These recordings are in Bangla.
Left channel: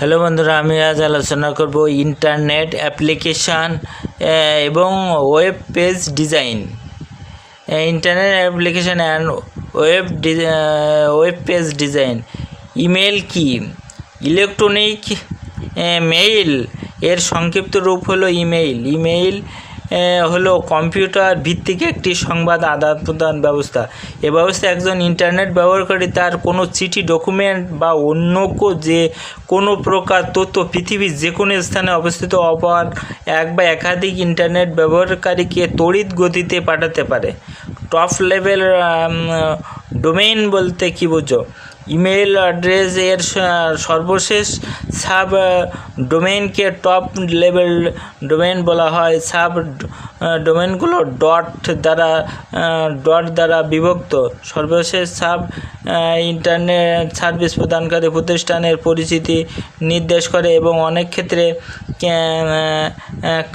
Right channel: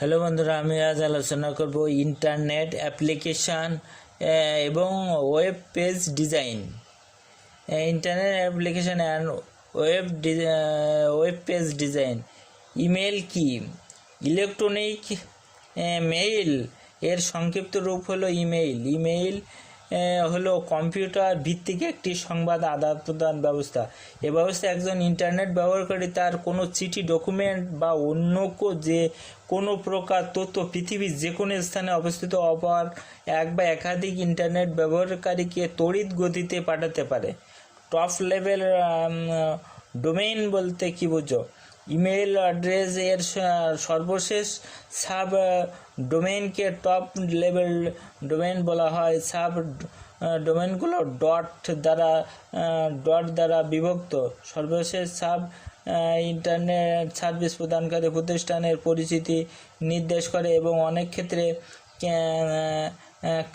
হ্যালো বন্ধুরা, আমি আজ আলোচনা করব ইন্টারনেট অ্যাপ্লিকেশান এবং web page design. Internet application and web page design. Email কি? ইলেকট্রনিক মেইল এর সংক্ষিপ্ত রূপ হলো ইমেইল। ইমেইল হলো কম্পিউটার ভিত্তিক একটি সংবাদ আদান প্রদান ব্যবস্থা। এ ব্যবস্থায় একজন ইন্টারনেট ব্যবহারকারী তার কোনো চিঠি, ডকুমেন্ট বা অন্য যে কোনো প্রকার তথ্য পৃথিবীর যে কোনো স্থানে অবস্থিত অপর এক বা একাধিক ইন্টারনেট ব্যবহারকারীকে তড়িৎ গতিতে পাঠাতে পারে। টপ লেভেল ডোমেইন বলতে কী বোঝো? ইমেল অ্যাড্রেস এর সর্বশেষ সাব ডোমেইনকে টপ লেভেল ডোমেইন বলা হয়। সাব ডোমেইনগুলো ডট দ্বারা বিভক্ত। সর্বশেষ সাব ইন্টারনেট সার্ভিস প্রদানকারী প্রতিষ্ঠানের পরিচিতি নির্দেশ করে এবং অনেক ক্ষেত্রে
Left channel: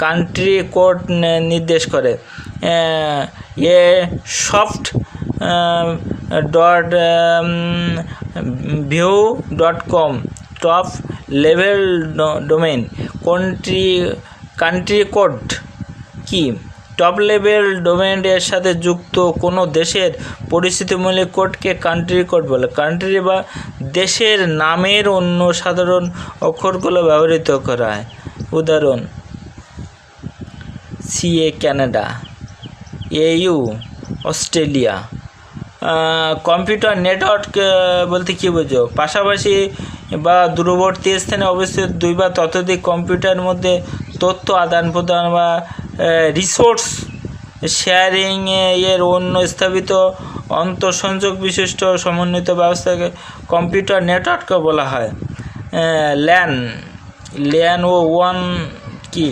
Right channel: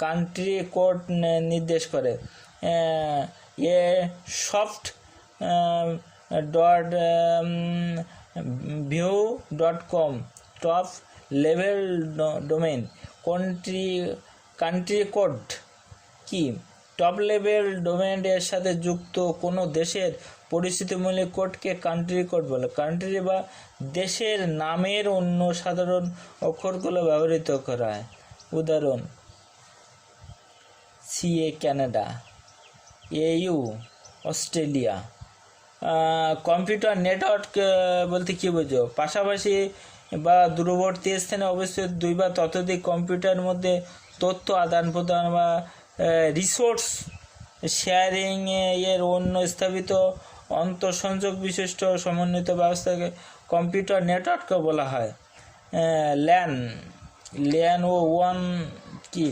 কান্ট্রি কোড নির্দেশ করে। A soft view.com top level domain. Country code কি? টপ লেভেল ডোমেইন এর সাথে যুক্ত কোনো দেশের পরিচিতিমূলক কোডকে কান্ট্রি কোড বলে। কান্ট্রি বা দেশের নামের অন্য সাধারণ অক্ষরগুলো ব্যবহৃত করা হয়। উদাহরণ: CA Canada, AU Australia. Computer network বলতে কী বোঝো? পাশাপাশি বা দূরবর্তী স্থানে অবস্থিত দুই বা ততোধিক কম্পিউটারের মধ্যে তথ্য আদান প্রদান বা রিসোর্স শেয়ারিং এর অন্য স্থাপিত আন্তঃসংযোগ বিশিষ্ট সমন্বিত ব্যবস্থাকে কম্পিউটার নেটওয়ার্ক বলা হয়। ল্যান ও ওয়ান কি?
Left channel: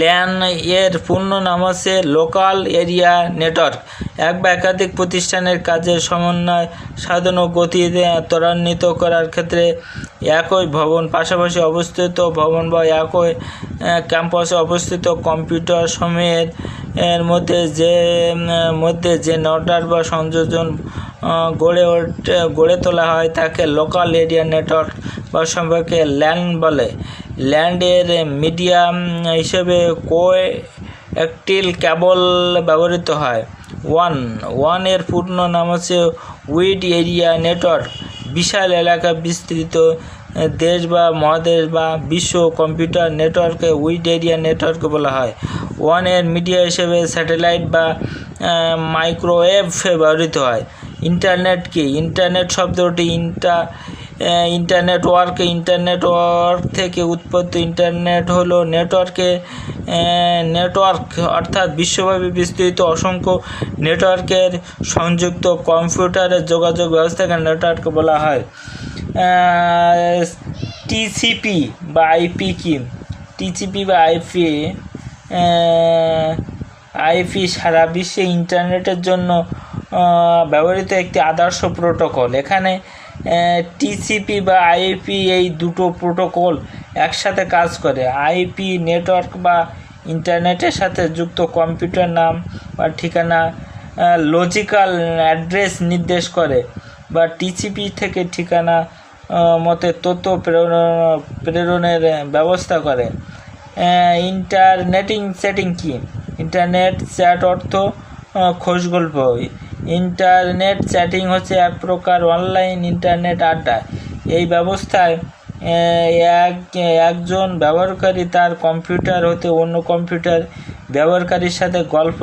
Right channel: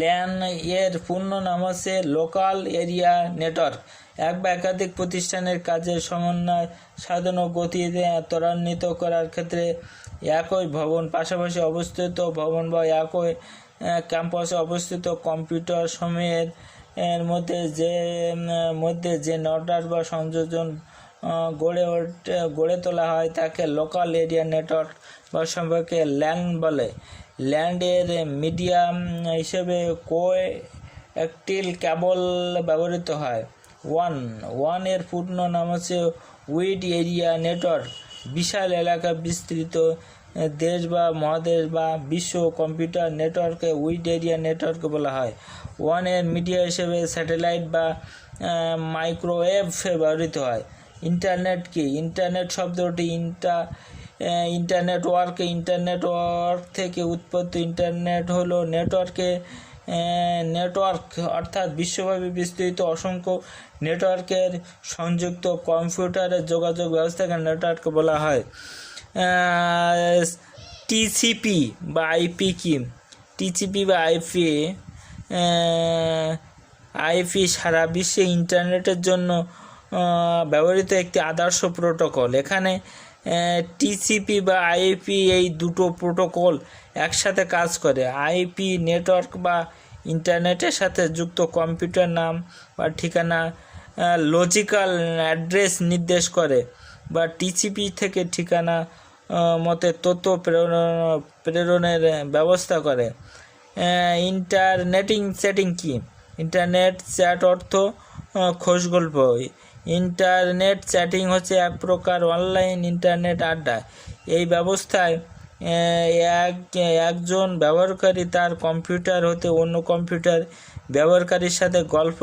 ল্যান এর পূর্ণ নাম হচ্ছে লোকাল এরিয়া নেটওয়ার্ক। এক বা একাধিক প্রতিষ্ঠানের কাজের সমন্বয় সাধন ও গতি ত্বরান্বিত করার ক্ষেত্রে একই ভবন পাশাপাশি অবস্থিত ভবন বা একই ক্যাম্পাসে অবস্থিত কম্পিউটার সমূহের মধ্যে যে নেটওয়ার্ক বা সংযোজন গড়ে তোলা হয় তাকে লোকাল এরিয়া নেটওয়ার্ক বা সম্পর্কে ল্যান বলে। ল্যান্ডের মিডিয়াম হিসেবে কোয়েক্টিল কেবল ব্যবহৃত হয়। ওয়ান এর পূর্ণ নাম হচ্ছে উইড এরিয়া নেটওয়ার্ক। বিশাল এলাকা বিস্তৃত দেশ বা মহাদেশ বা বিশ্ব কম্পিউটার নেটওয়ার্কে উইড এরিয়া নেটওয়ার্ক বলা হয়। ওয়ান এর মিডিয়া হিসেবে স্যাটেলাইট বা মাইক্রোওয়েভ ব্যবহৃত হয়। ইন্টারনেট কি? ইন্টারনেট শব্দটি ইন্টারনেটওয়ার্ক থেকে উৎপত্তি। ইন্টারনেট হলো নেটওয়ার্ক অর্থাৎ বিশ্বব্যাপী বিস্তৃত অসংখ্য নেটওয়ার্কের সংযুক্ত কম্পিউটারের যোগাযোগ ব্যবস্থাকে নেটওয়ার্ক বলা হয়। টিসিপি বা আইপি কি? টিসিপি বা আইপি সারা বিশ্বে ইন্টারনেটের জন্য ব্যবহৃত একটি আদর্শ প্রোটোকল। এখানে টিসিপি বা আইপি এই দুটো প্রোটোকল একসাথে কাজ করে। আইপি নেটওয়ার্ক বা ইন্টারনেটের সাথে যুক্ত কম্পিউটার নাম বা ঠিকানা লজিক্যাল অ্যাড্রেস নির্দেশ করে বা টিসিপি থেকে ঠিকানা মতে তথ্য প্রেরণের ব্যবস্থা করে। ইন্টারনেটিং চ্যাটিং কি? ইন্টারনেট চ্যাট অর্থ খোঁজগল্প। ইন্টারনেট চ্যাটিং হচ্ছে এক প্রকার অনলাইন ইন্টারনেট আড্ডা। এই ব্যবস্থায় একজন ব্যবহারকারী তার কম্পিউটার হতে অন্য কম্পিউটার ব্যবহারকারীর সাথে গল্প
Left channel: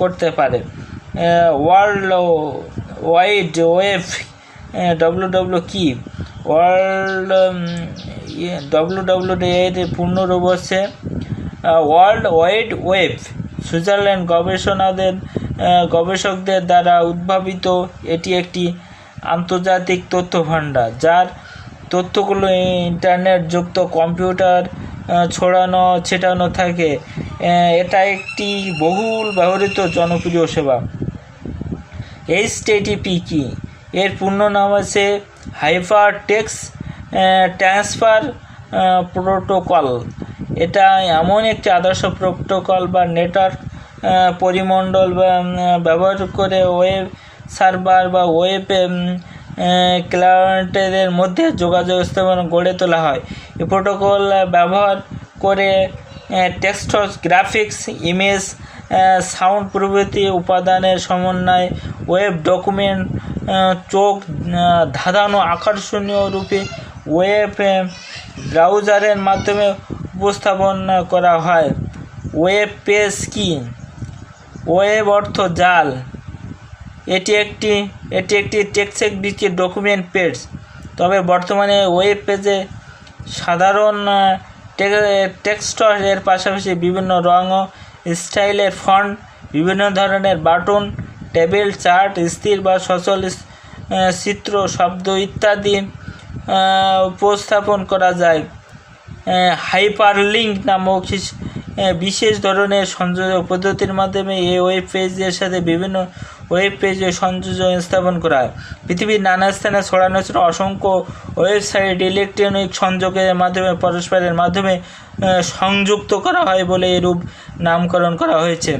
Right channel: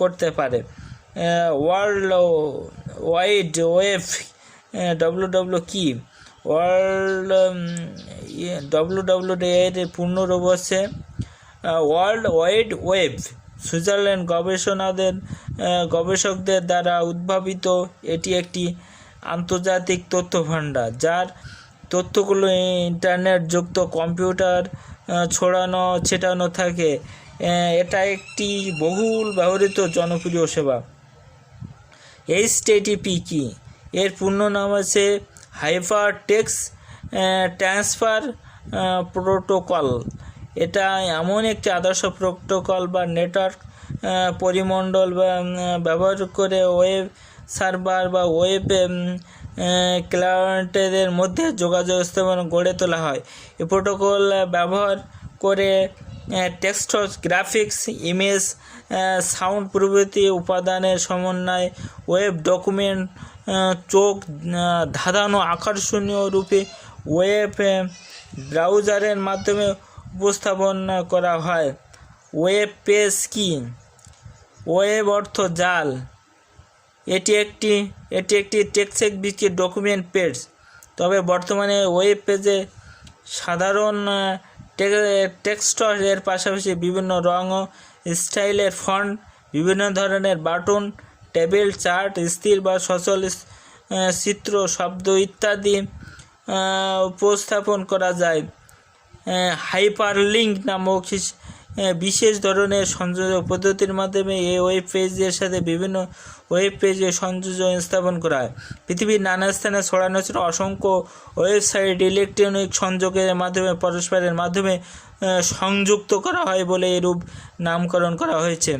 করতে পারে। ওয়ার্ল্ড ওয়াইড ওয়েব কি? এর পূর্ণরূপ হচ্ছে ওয়ার্ল্ড ওয়াইড ওয়েব। সুইজারল্যান্ড গবেষকদের দ্বারা উদ্ভাবিত এটি একটি আন্তর্জাতিক তথ্য ভাণ্ডার যার তথ্যগুলো ইন্টারনেট যুক্ত কম্পিউটার ছিটানো থাকে। এটা একটি বহুল ব্যবহৃত জনপ্রিয় সেবা। HTTP কি? এর পূর্ণ নাম আছে হাইপার টেক্সট ট্রান্সফার প্রোটোকল। এটা এমন একটি আদর্শ প্রোটোকল বা নেটওয়ার্ক পরিমণ্ডল ব্যবহার করে ওয়েব সার্ভার বা ওয়েব ক্লায়েন্টদের মধ্যে যোগাযোগ স্থাপন গড়ে তোলা হয়। এই প্রোটোকল ব্যবহার করে টেক্সট, গ্রাফিক্স, ইমেজ, সাউন্ড প্রভৃতি উপাদানের সমন্বয়ে ওয়েব ডকুমেন্ট চোখ ধাঁধানো আকর্ষণীয় রূপে ওয়েব ব্রাউজারের মাধ্যমে উপস্থাপন করা হয়। ওয়েব পেজ কি? ওয়েব অর্থ জাল। এটি একটি টেক্সট ভিত্তিক ডকুমেন্ট পেজ। তবে বর্তমানে ওয়েব পেজে সাধারণ টেক্সট এর পাশাপাশি বিভিন্ন রং ও স্টাইলের ফন্ট, বিভিন্ন ধরনের বাটন, টেবিল, চার্ট, স্থির বা সচল চিত্র, শব্দ ইত্যাদি উপস্থাপন করা যায়। হাইপারলিঙ্ক নামক বিশেষ ধরনের সংযোজক পদ্ধতির মাধ্যমে এই ওয়েব পেজের সাথে বিভিন্ন ওয়েব পেজে সংযোজন স্থাপন করা হয়। পৃথিবীর নানা স্থানে ছড়ানো ছিল অসংখ্য ওয়েবসাইট ইলেকট্রনিক সংযোগের মাধ্যমে পরস্পরের মাধ্যমে সংযুক্ত করা হয় বলে এরূপ নামকরণ করা হয়েছে।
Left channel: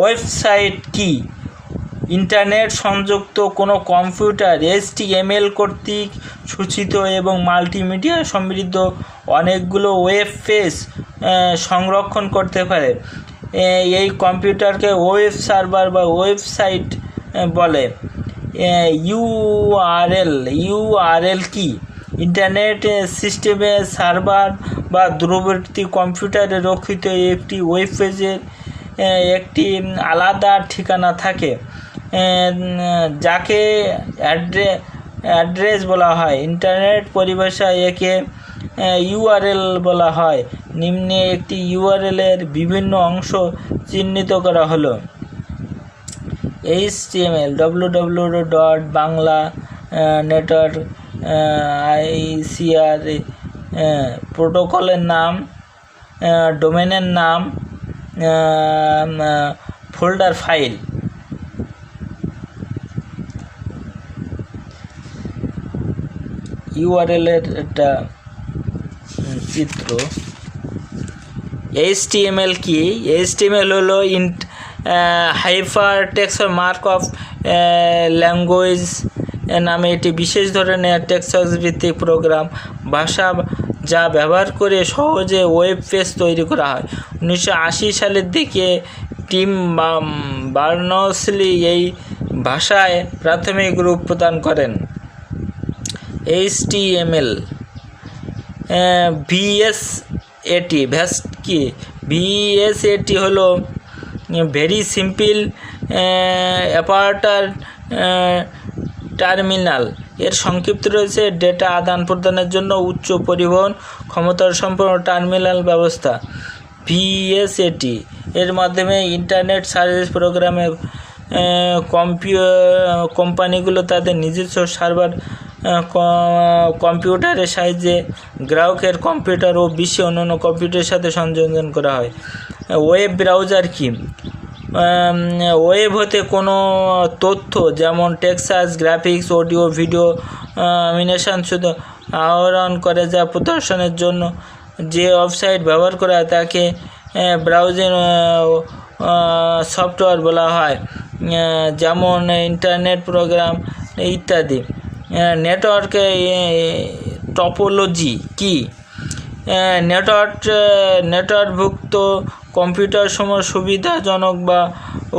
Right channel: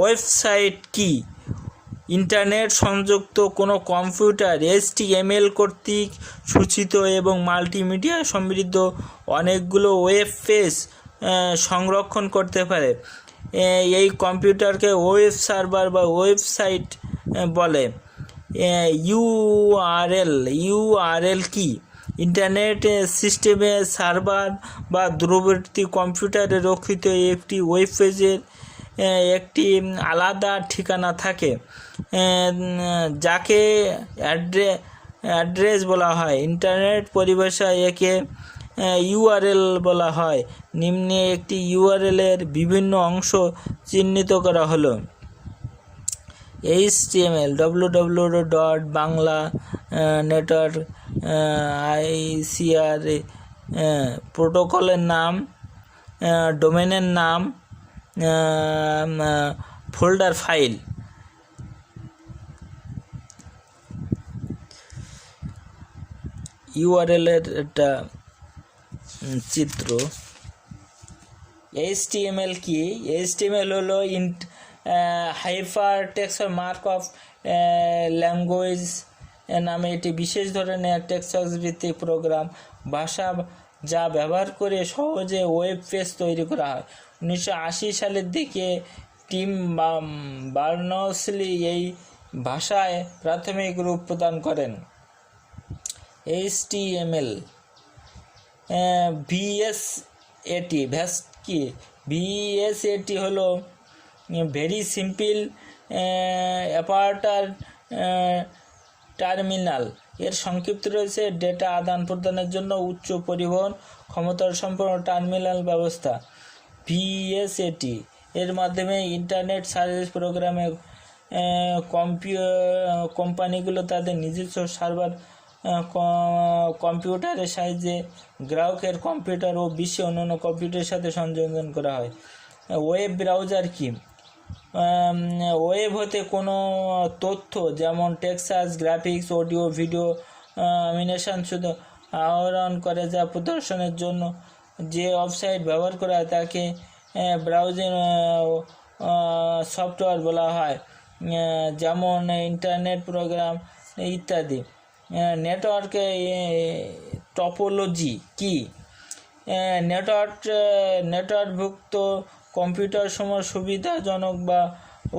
ওয়েবসাইট কি? ইন্টারনেট সংযুক্ত কোনো কম্পিউটার HTML কর্তৃক সূচিত এবং মাল্টিমিডিয়া সমৃদ্ধ অনেকগুলো ওয়েব পেজ সংরক্ষণ করতে পারে। এই কম্পিউটারকে ওয়েব সার্ভার বা ওয়েবসাইট বলে। ইউআরএল কি? ইন্টারনেট সিস্টেমে সার্ভার বা দূরবর্তী কম্পিউটারে রক্ষিত একটি ওয়েব পেজের একটি আলাদা ঠিকানা থাকে, যাকে অ্যাড্রেস বলা হয়। ইন্টারনেট পরিভাষায় একে ইউআরএল বলা হয়। নিম্নে একটি ইউআরএলের বিভিন্ন অংশ চিহ্নিত করা হলো। HTML www.bangla.network ICR প্রোটোকলের নাম, ডোমেনের নাম, ফোল্ডার ফাইল। ইউআরএলের একটা চিত্র। HTML কি? HTML হলো hyper text mark of language নামে একটি বিশেষ ধরনের টেক্সট ভিত্তিক প্রোগ্রাম ভাষা যা ব্যবহার করে সহজে ওয়েব পেজ তৈরি করা হয়। 1980 সালের দিকে টিম বার্নসলি এই ভাষায় প্রাথমিক রূপ প্রদান করেন। HTML VSAT কি? VSAT হলো ভেরি সিম্পল অ্যাপারেটর টার্মিনাল। এর সংক্ষিপ্ত রয়েছে ডেটা আদান প্রদানের জন্য উচ্চ পরিবহন ক্ষমতার সম্পন্ন টার্মিনাল ব্যবস্থা। VSAT এর মাধ্যমে ইন্টারনেট সার্ভিস প্রোগ্রামে কোম্পানিগুলো তাদের নিজস্ব সার্ভার কম্পিউটারের সাহায্যে গ্রাহকের কম্পিউটার ও বিশ্বের অন্যান্য কম্পিউটারের সাথে সংযোজন করা হয়। ওয়েব ব্রাউজার কি? ওয়েব হতে কোনো তথ্য যেমন text, graphics, audio, video, animation শুধু আহরণ করে যা প্রদর্শনের জন্য যে ওয়েবসাইট ব্যবহার করা হয় তাকে ব্রাউজিং সফটওয়্যার বলা হয়, যেমন ইন্টারনেট প্রোগ্রাম ইত্যাদি। নেটওয়ার্ক টপোলজি কি? নেটওয়ার্কভুক্ত কম্পিউটার সমূহ সুবিধাজনক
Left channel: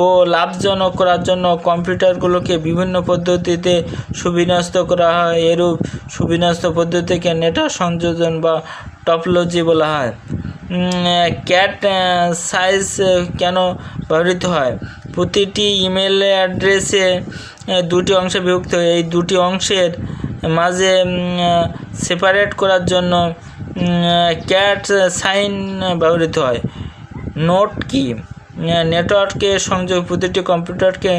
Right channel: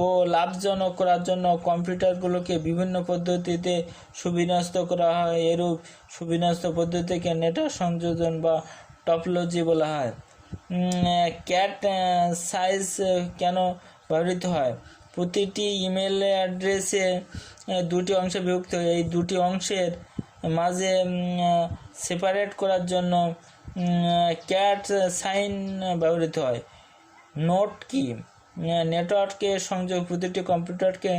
ও লাভজনক করার জন্য কম্পিউটারগুলোকে বিভিন্ন পদ্ধতিতে সুবিন্যস্ত করা হয়। এরূপ সুবিন্যস্ত পদ্ধতিকে নেটওয়ার্ক সংযোজন বা টপোলজি বলা হয়। ক্যাট সাইজ কেন ব্যবহৃত হয়? প্রতিটি ইমেল অ্যাড্রেসে দুটি অংশে বিভক্ত হয়। এই দুটি অংশের মাঝে সেপারেট করার জন্য ক্যাট সাইন ব্যবহৃত হয়। নোড কি? নেটওয়ার্কে সংযোগ প্রতিটি কম্পিউটারকে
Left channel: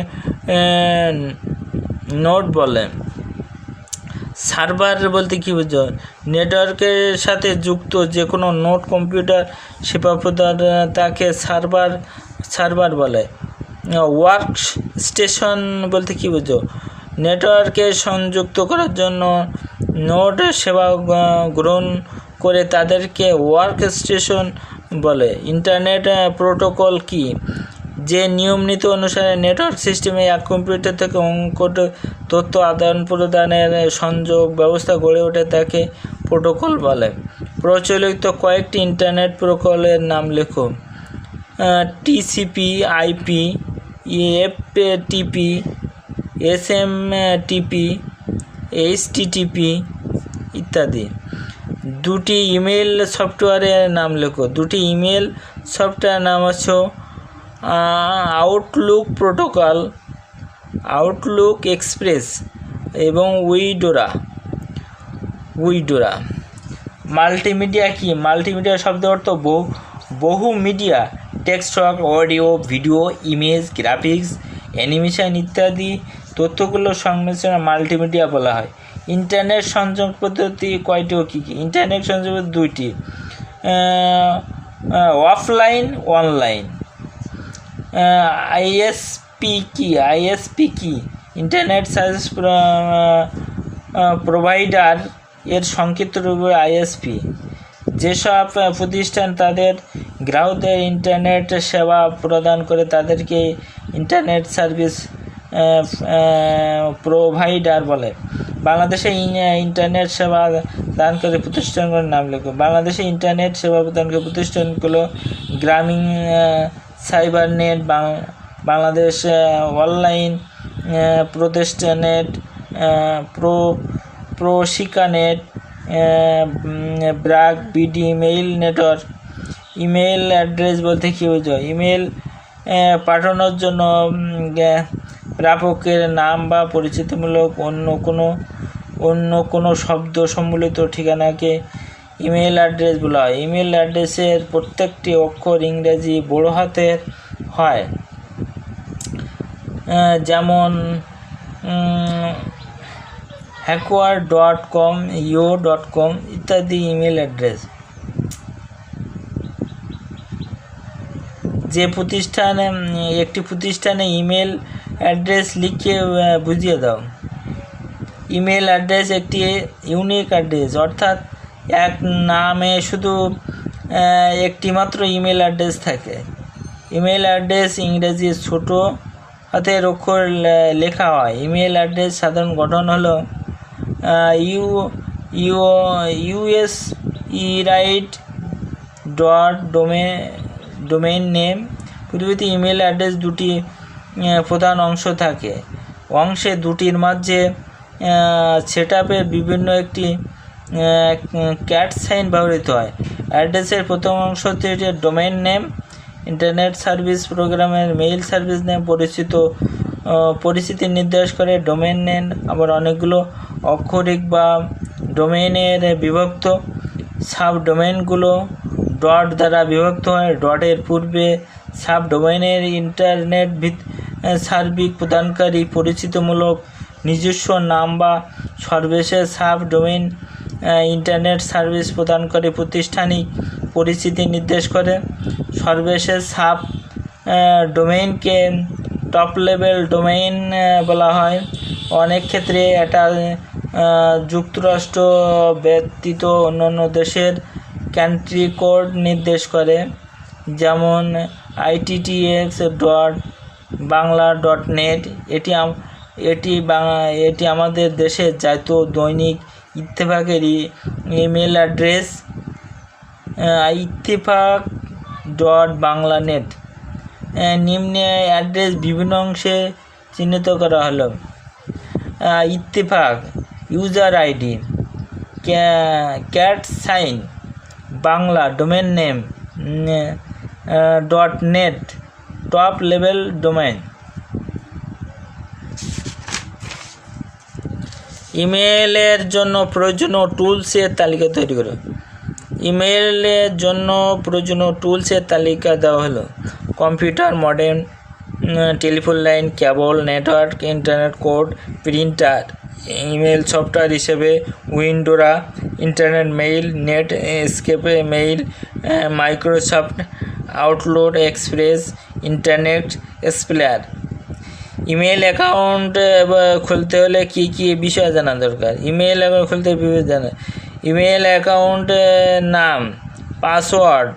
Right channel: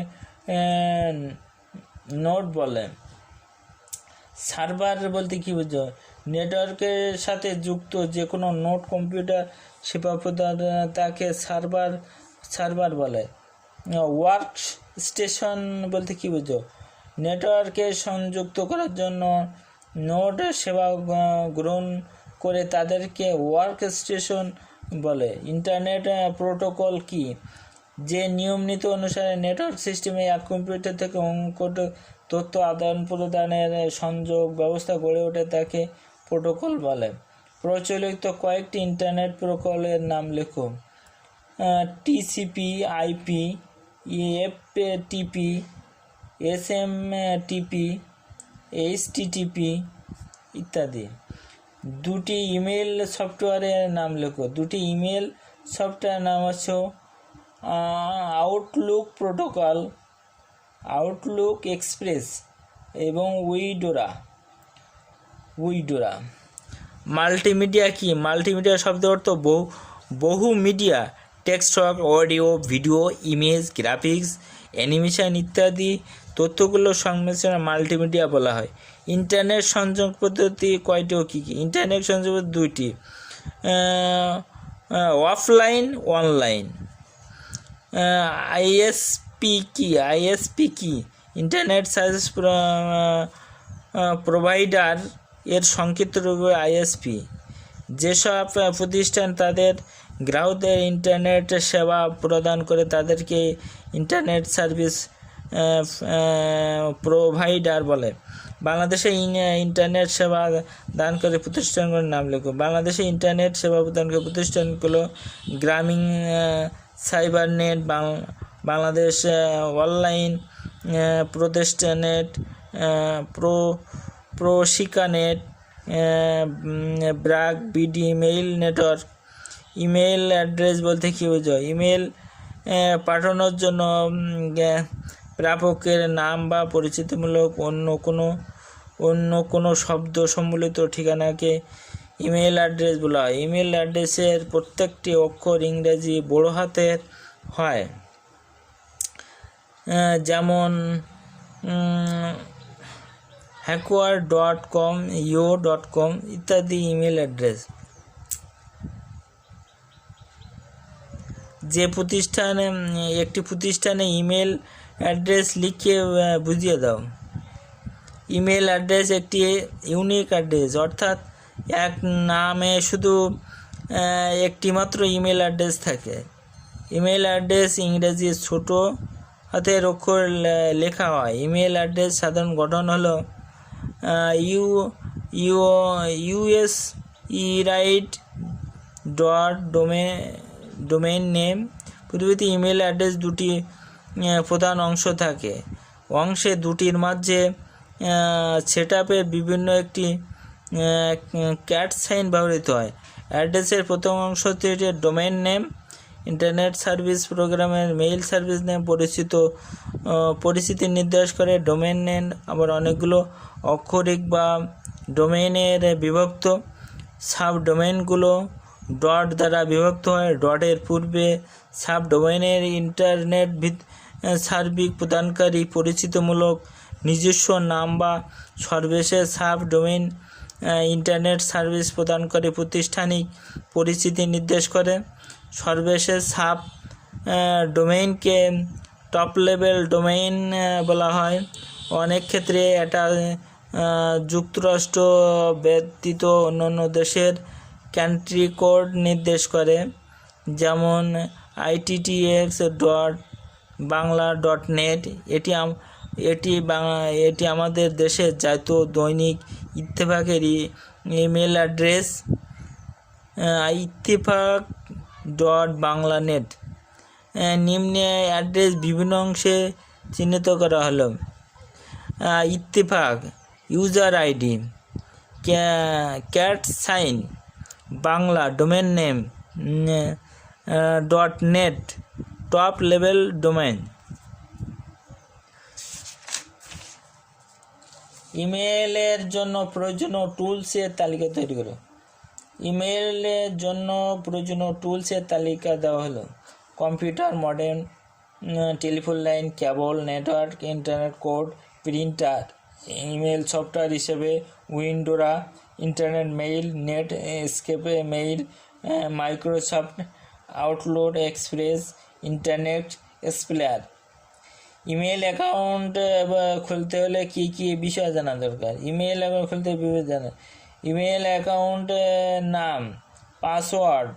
নোড বলে। সার্ভার বলতে কী বোঝো? নেটওয়ার্কের সাথে যুক্ত যে কোনো নোড কম্পিউটার সেবা প্রদান তাকে সার্ভার বলে। ওয়ার্ক স্টেশন বলতে কী বোঝো? নেটওয়ার্কে সংযুক্ত করার জন্য নোড সেবা গ্রহণ করে তাদেরকে ওয়ার্ক স্টেশন বলে। ইন্টারনেট প্রোটোকল কি? যে নিয়ম নীতি অনুসারে নেটওয়ার্ক সিস্টেমে এক কম্পিউটার থেকে তথ্য আদান প্রদানের সংযোগ ব্যবস্থা গড়ে ওঠে তাকে প্রোটোকল বলে। প্রচলিত কয়েকটি ইন্টারনেট প্রোটোকলের নাম লেখো। TCP, IP, FTP, SMTP, HTTP ইত্যাদি। দুটি ইমেল সফটওয়্যারের নাম লেখো। দুটি ইমেল সফটওয়্যার নাম হচ্ছে আউটলুক প্রোটোকল, আউটলুক এক্সপ্রেস এবং উইডোরা। মাল্টিমিডিয়া কি? মাল্টিমিডিয়া শব্দের অর্থ বহু media, text, audio, video, image, graphics, animation ইত্যাদি তথ্যগুলোর সংমিশ্রণে মাল্টিমিডিয়া বলা হয়। ইন্টারনেট সংযোগ পদ্ধতি কয়টি ও কী কী? ইন্টারনেট সংযোগ দুইটি, অফলাইন, অনলাইন। আইএসপি কি? ইন্টারনেট সার্ভিস প্রোভাইডার এর সংক্ষিপ্ত রূপ আইএসপি। যেসব প্রতিষ্ঠান তাদের গ্রাহকদের ইন্টারনেট সেবা প্রদান করে তাদেরকে ইন্টারনেট সার্ভিস প্রোভাইডার বলে। বাংলাদেশে ইন্টারনেট সেবা দানকারী প্রতিষ্ঠানগুলোর নাম লেখো। বাংলাদেশে ইন্টারনেট সেবা প্রদানকারী প্রতিষ্ঠানগুলো গ্রামীণ সাইবারনেট, বাংলাদেশ অনলাইন প্রতিষ্ঠানেট, প্রশিকানেট, BRAC, BD, mail network. Email address বলতে কী বোঝো? ইমেল পাঠানোর জন্য প্রাপকের নাম বা পরিচিতিমূলক অন্য কোনো শব্দ সম্বলিত ঠিকানাকে ইমেল অ্যাড্রেস বলা হয়। ইমেল অ্যাড্রেসের প্রত্যেকটি অক্ষর ইংরেজি বড় হাতের হয়, যেমন hackworld.com, yo.com ইত্যাদি ইমেল অ্যাড্রেস। একটি প্রতিষ্ঠানে ইমেল অ্যাড্রেস লিখে বুঝিয়ে দাও। ইমেল অ্যাড্রেস একটি ইউনিক অ্যাড্রেস, অর্থাৎ এক নামে শুধু একটি মাত্র ইমেল অ্যাড্রেস থাকে। ইমেল অ্যাড্রেস ইংরেজি ছোট হাতের অক্ষর লেখা হয়। ইমেল অ্যাড্রেস সাধারণ গঠন হলো us.domain name। পৃথিবীতে ইমেল অ্যাড্রেস দুটি প্রধান অংশ থাকে। অংশে দুটির মাঝে সেটআপের বিভিন্ন একটি ক্যাট সাইন ব্যবহৃত হয়। অ্যাড্রেসের প্রথম অংশটি ডোমেইন নেম, ইন্টারনেট সার্ভিস প্রোগ্রামের মেইল সার্ভিস নেম পরিস্থিতি নির্দেশ করে। ডোমেইন নেম আবার অনেকগুলো অক্ষরিক বা ডোমেইনের বিভক্ত। সাবডোমেইনগুলো ডট দ্বারা বিভক্ত হয়। ডটের পূর্বে সাবডোমেইনের ইন্টারনেট সার্ভিস প্রদানকারী পরিচিতিমূলক নিজস্ব নাম বা সর্বশেষ সাবডোমেইন ইন্টারনেট সার্ভিস প্রদানকারী প্রতিষ্ঠানিক পরিচিতি নির্দেশ করে। সর্বশেষ সাব ডোমেইনকে টপ লেভেল ডোমেইন বলা হয়। অনেক ক্ষেত্রে এটা যুক্তরাষ্ট্র ব্যতীত অন্যান্য দেশের কান্ট্রি কোড নির্দেশ করে, যেমন ittx.bangla.net। এটি আমাদের দেশের জাতীয় দৈনিক ইত্তেফাকের ইমেল অ্যাড্রেস। ইত্তেফাক.বাংলানেট। নিম্নে অ্যাড্রেস বিভিন্ন অংশে চিহ্নিত করা হলো। Ittefaq user ID, at sign, Bangla domain name, .net top level domain. ইমেলের জন্য প্রয়োজনীয় টুলসের তালিকা তৈরি করো। ইমেলের জন্য প্রয়োজনীয় টুলসের তালিকা দেওয়া হলো। Computer, modem, telephone line, cable, network, internet code, printer. Email software হিসেবে Eudora, internet mail, Netscape mail, Microsoft Outlook Express, Internet Explorer. Email account খুলতে হলে কী কী বিষয় জানা দরকার? ইমেল অ্যাকাউন্ট খুলতে ইমেল অ্যাকাউন্ট নাম, পাসওয়ার্ড,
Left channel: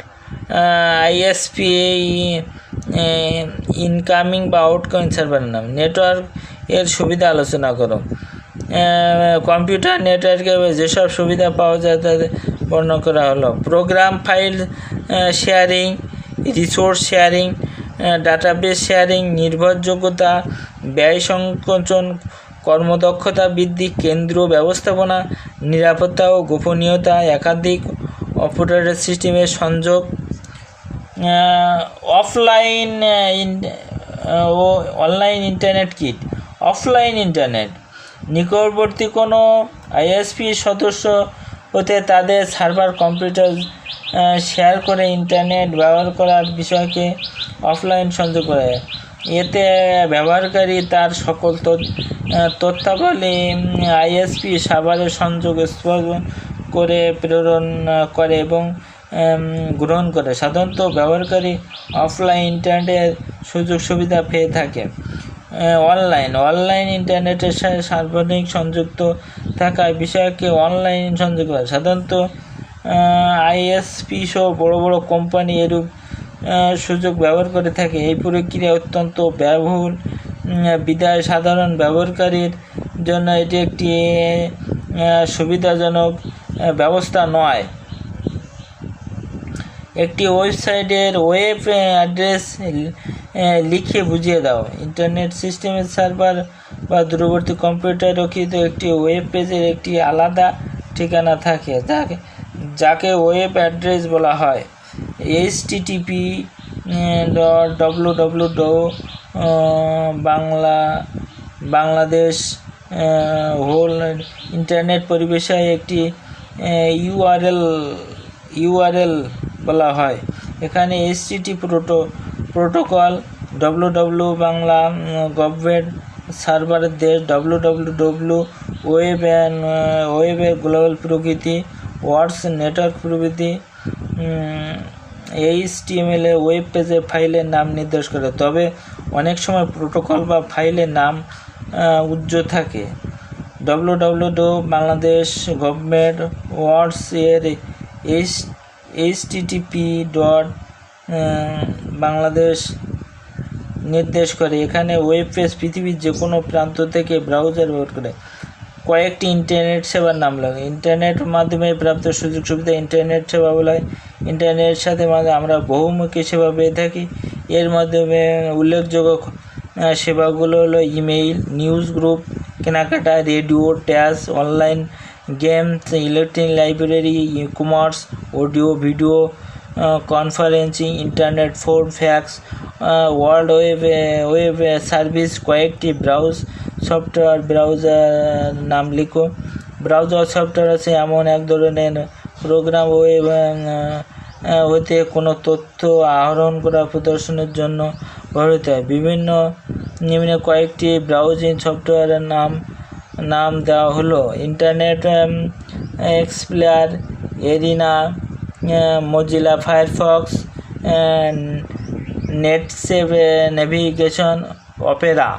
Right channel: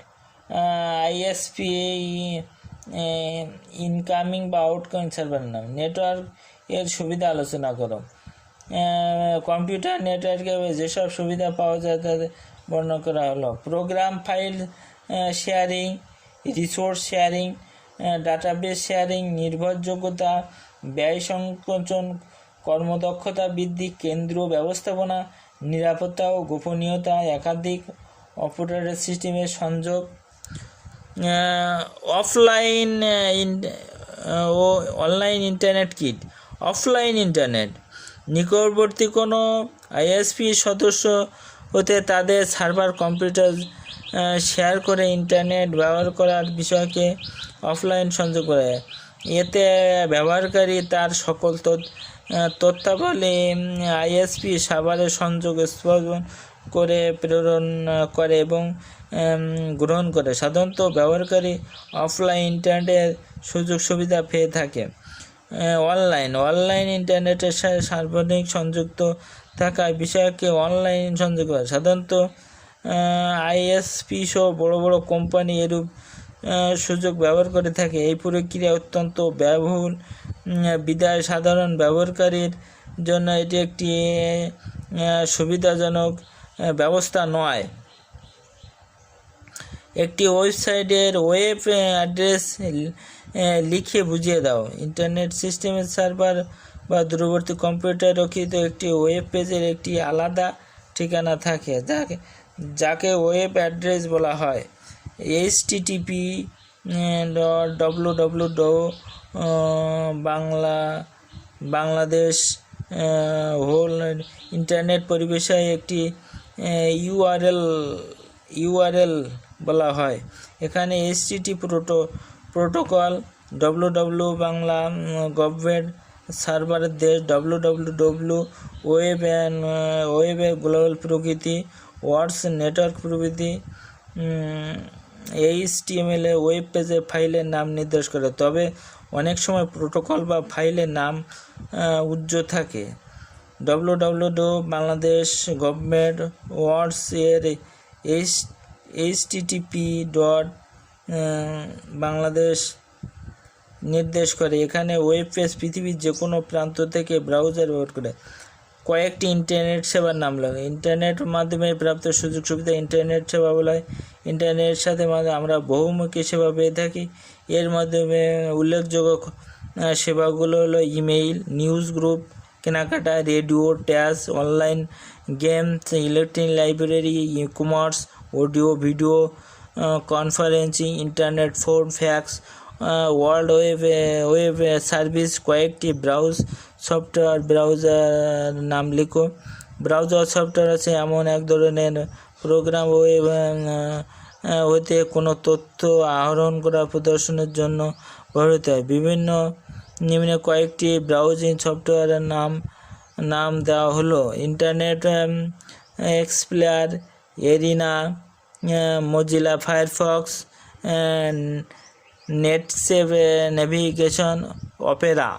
আইএসপি ইনকামিং বা আউটগোয়িং সার্ভারের নাম। নেটওয়ার্ক এর সুবিধা আলোচনা করো। কম্পিউটার নেটওয়ার্কে যেসব সুবিধা পাওয়া যায় তাদের বর্ণনা করা হলো। Programme file sharing, resource sharing, database sharing, নির্ভরযোগ্যতা, ব্যয় সংকোচন, কর্মদক্ষতা বৃদ্ধি, কেন্দ্র ব্যবস্থাপনা, নিরাপত্তা ও গোপনীয়তা, একাধিক অপারেটিং সিস্টেমের সংযোগ, অফলাইন ও online internet kit. Offline internet নিকটবর্তী কোনো আইএসপি সদস্য হতে তাদের সার্ভার কম্পিউটার শেয়ার করে ইন্টারনেট ব্যবহার করার বিষয়কে অফলাইন সংযোগ করে। এতে ব্যবহারকারী তার সকল তথ্যাবলী আইএসপি সার্ভারে সংযোগ স্থাপন করে প্রেরণ করে এবং গ্রহণ করে। সাধারণত ব্যবহারকারী অফলাইন ইন্টারনেটের সুযোগ সুবিধা পেয়ে থাকে। অনলাইন ইন্টারনেটের সাথে সার্বজনিক সংযুক্ত থাকা বিষয়কে অনলাইন সংযোগ করে। সাধারণত আইএসপি সহ বড় বড় কোম্পানি এরূপ সুযোগ ব্যবহার করে থাকে। এই প্রক্রিয়া অত্যন্ত ব্যয়বহুল বিধায় সাধারণ ব্যবহারকারীর জন্য এটি একটি সুবিধাজনক ব্যবস্থা নয়। একটি ওয়েবসাইটের ওয়েব অ্যাড্রেস লিখে বুঝিয়ে দাও। ইন্টারনেট সিস্টেমের সার্ভার বা দূরবর্তী কম্পিউটার রক্ষিত একটি ওয়েব পেজের একটি আলাদা ঠিকানা থাকে যাকে ওয়েব অ্যাড্রেস বলা হয়। http://www বাংলাদেশ হোল ইন্টারনেট পরিবেশে একটি ইউআরএল বলা হয়। এখানে HTTP protocol, www Bangla government সার্ভারের দেশ, www ওয়েবের গ্লোবাল প্রকৃতি, ওয়ার্ডস নেটওয়ার্ক প্রভৃতি। HTML ওয়েব পেজে ফাইলের নাম নির্দেশ করে, তবে অনেক সময় প্রোটোকল বা ফাইলের নাম উজ্জ্বল থাকে। www বাংলাদেশ গভর্নমেন্ট ওয়ার্ডস এর http://বাংলাদেশ নির্দেশ করে। এখানে ওয়েব পেজ পৃথিবীর যে কোনো প্রান্ত থেকে ব্রাউজার ব্যবহার করে। কয়েকটি ইন্টারনেট সেবার নাম লাগে। ইন্টারনেটের মাধ্যমে প্রাপ্ত সুযোগ সুবিধা ইন্টারনেট সেবা বলা হয়। ইন্টারনেটের সাথে আমরা বহুমুখী সেবা পেয়ে থাকি। এর মাধ্যমে উল্লেখযোগ্য সেবাগুলো হলো ইমেইল, নিউজ গ্রুপ, কেনাকাটা, radio, tax, online games, electronic library, e-commerce, audio video conferencing, internet phone, fax, world web service. কয়েকটি সফটওয়্যার ব্রাউজার নাম লিখো। ব্রাউজার সফটওয়্যার আছে এমন এক ধরনের প্রোগ্রাম ওয়েব হতে কোনো তথ্য আহরণ করা প্রদর্শনের জন্য ব্যবহৃত হয়। নিম্নে কয়েকটি ব্রাউজিং সফটওয়্যারের নাম দেওয়া হলো: Internet Explorer, Arena, Mozilla Firefox, Netscape navigation, Opera.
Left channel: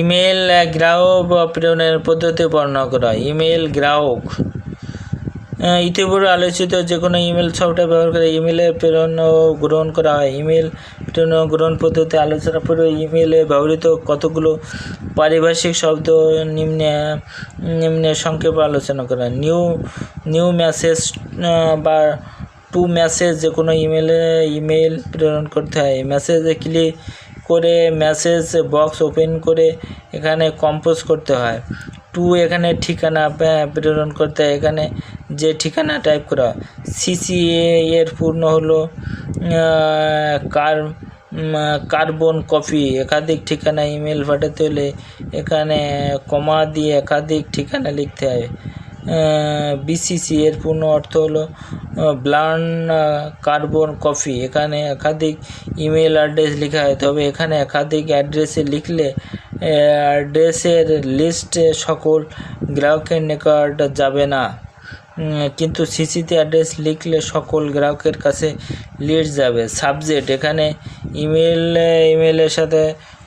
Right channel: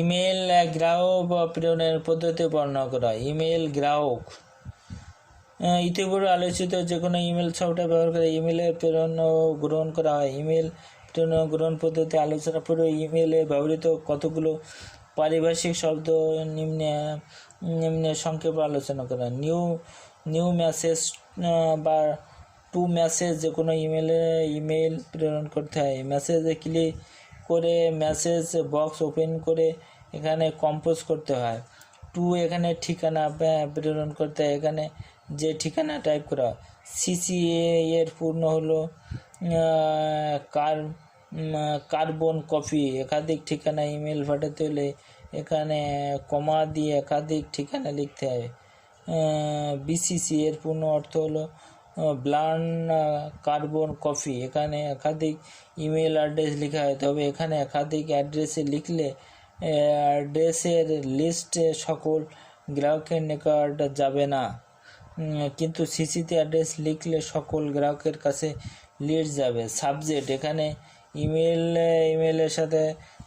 Email গ্রাহক প্রেরণের পদ্ধতি বর্ণনা করা। ইমেল গ্রাহক ইতিপূর্বে আলোচিত যে কোনো ইমেল সফটওয়্যার ব্যবহার করে ইমেলের প্রেরণ ও গ্রহণ করা হয়। ইমেল প্রেরণ ও গ্রহণ পদ্ধতি আলোচনা পূর্বে ইমেলে ব্যবহৃত কতগুলো পারিভাষিক শব্দ নিম্নে সংক্ষেপে আলোচনা করা। নিউ মেসেজ বা টু মেসেজ যে কোনো ইমেল প্রেরণ করতে হয়। মেসেজে ক্লিক করে মেসেজ বক্স ওপেন করে এখানে কম্পোজ করতে হয়। টু এখানে ঠিকানা প্রেরণ করতে হয়, এখানে যে ঠিকানা টাইপ করা। সিসি এর পূর্ণ হলো কার্বন কপি। একাধিক ঠিকানা ইমেল পাঠাতে হলে এখানে কমা দিয়ে একাধিক ঠিকানা লিখতে হয়। বিসিসি এর পূর্ণ অর্থ হলো ব্লান কার্বন কপি। এখানে একাধিক ইমেল অ্যাড্রেস লেখা হয়, তবে এখানে একাধিক অ্যাড্রেসে লিখলে অ্যাড্রেসের লিস্টে সকল গ্রাহকের নিকট যাবে না, কিন্তু সিসিতে অ্যাড্রেস লিখলে সকল গ্রাহকের কাছে লিস্ট যাবে। সাবজেক্ট এখানে ইমেলের সাথে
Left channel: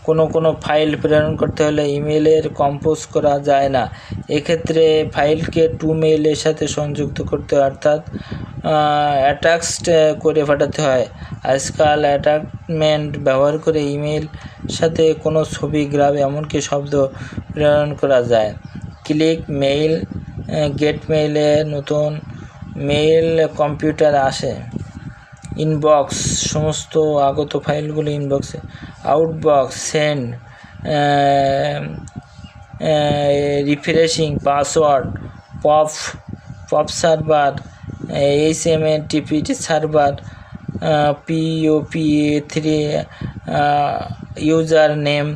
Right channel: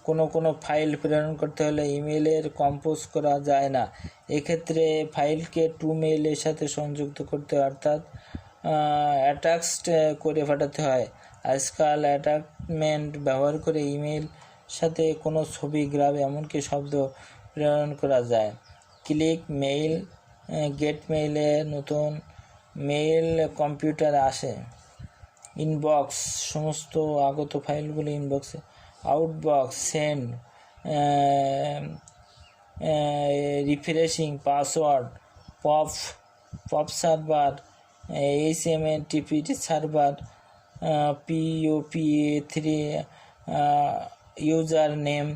কোনো ফাইল প্রেরণ করতে হলে ইমেলের কম্পোজ করা যায় না। এক্ষেত্রে ফাইলকে টু মেইলের সাথে সংযুক্ত করতে হয়, অর্থাৎ অ্যাটাচড করে পাঠাতে হয়। আজকাল অ্যাটাচমেন্ট ব্যবহার করে ইমেল সাথে কোনো ছবি, গ্রাফ, এমনকি শব্দ প্রেরণ করা যায়। ক্লিক মেইল, গেট মেইলে নতুন মেইল কম্পিউটার আসে। ইনবক্স, সমস্ত আগত ফাইলগুলো ইনবক্সে। Outbox, send, refreshing, password, pop server, HMTP server, POP3, user name.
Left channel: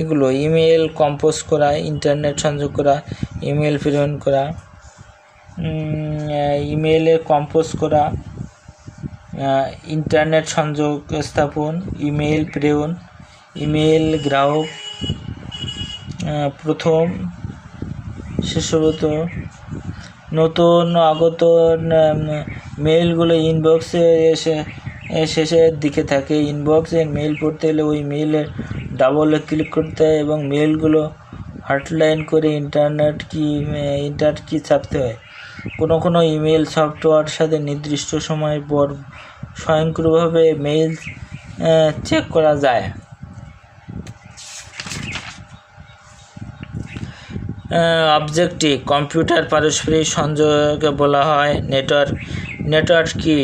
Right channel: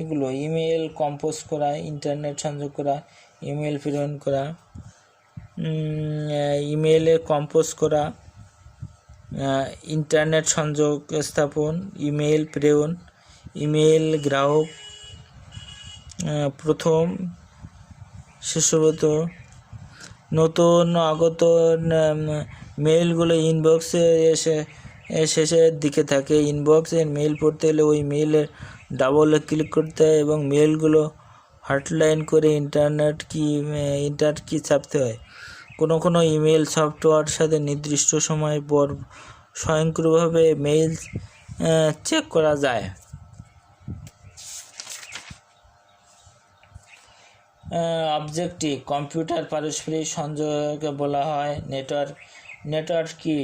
এগুলো ইমেল কম্পোজ করা, ইন্টারনেট সংযোগ করা, ইমেল প্রেরণ করা, ইমেলে কম্পোজ করা, ইন্টারনেট সংযোগ স্থাপন, ইমেল প্রেরণ, ইমেল গ্রাহক, প্রথম শেষত নতুন আগত মেইলগুলো ইনবক্সে শেষের দিকে থাকে। ইনবক্সে মেইল পড়তে হলে ওই মেইলে ডাবল ক্লিক করতে হয় এবং মেইলগুলো হটলাইন করে ইন্টার কি চাপতে হয়। কোনো ইমেল সফটওয়্যার সাথে নির্দিষ্ট সময় পর স্বয়ংক্রিয়ভাবে মেইল চেক করা যায়। অবজেক্টিভ কম্পিউটার পারস্পরিক সংযোগকে বলা হয় নেটওয়ার্ক। নেটওয়ার্ক কি?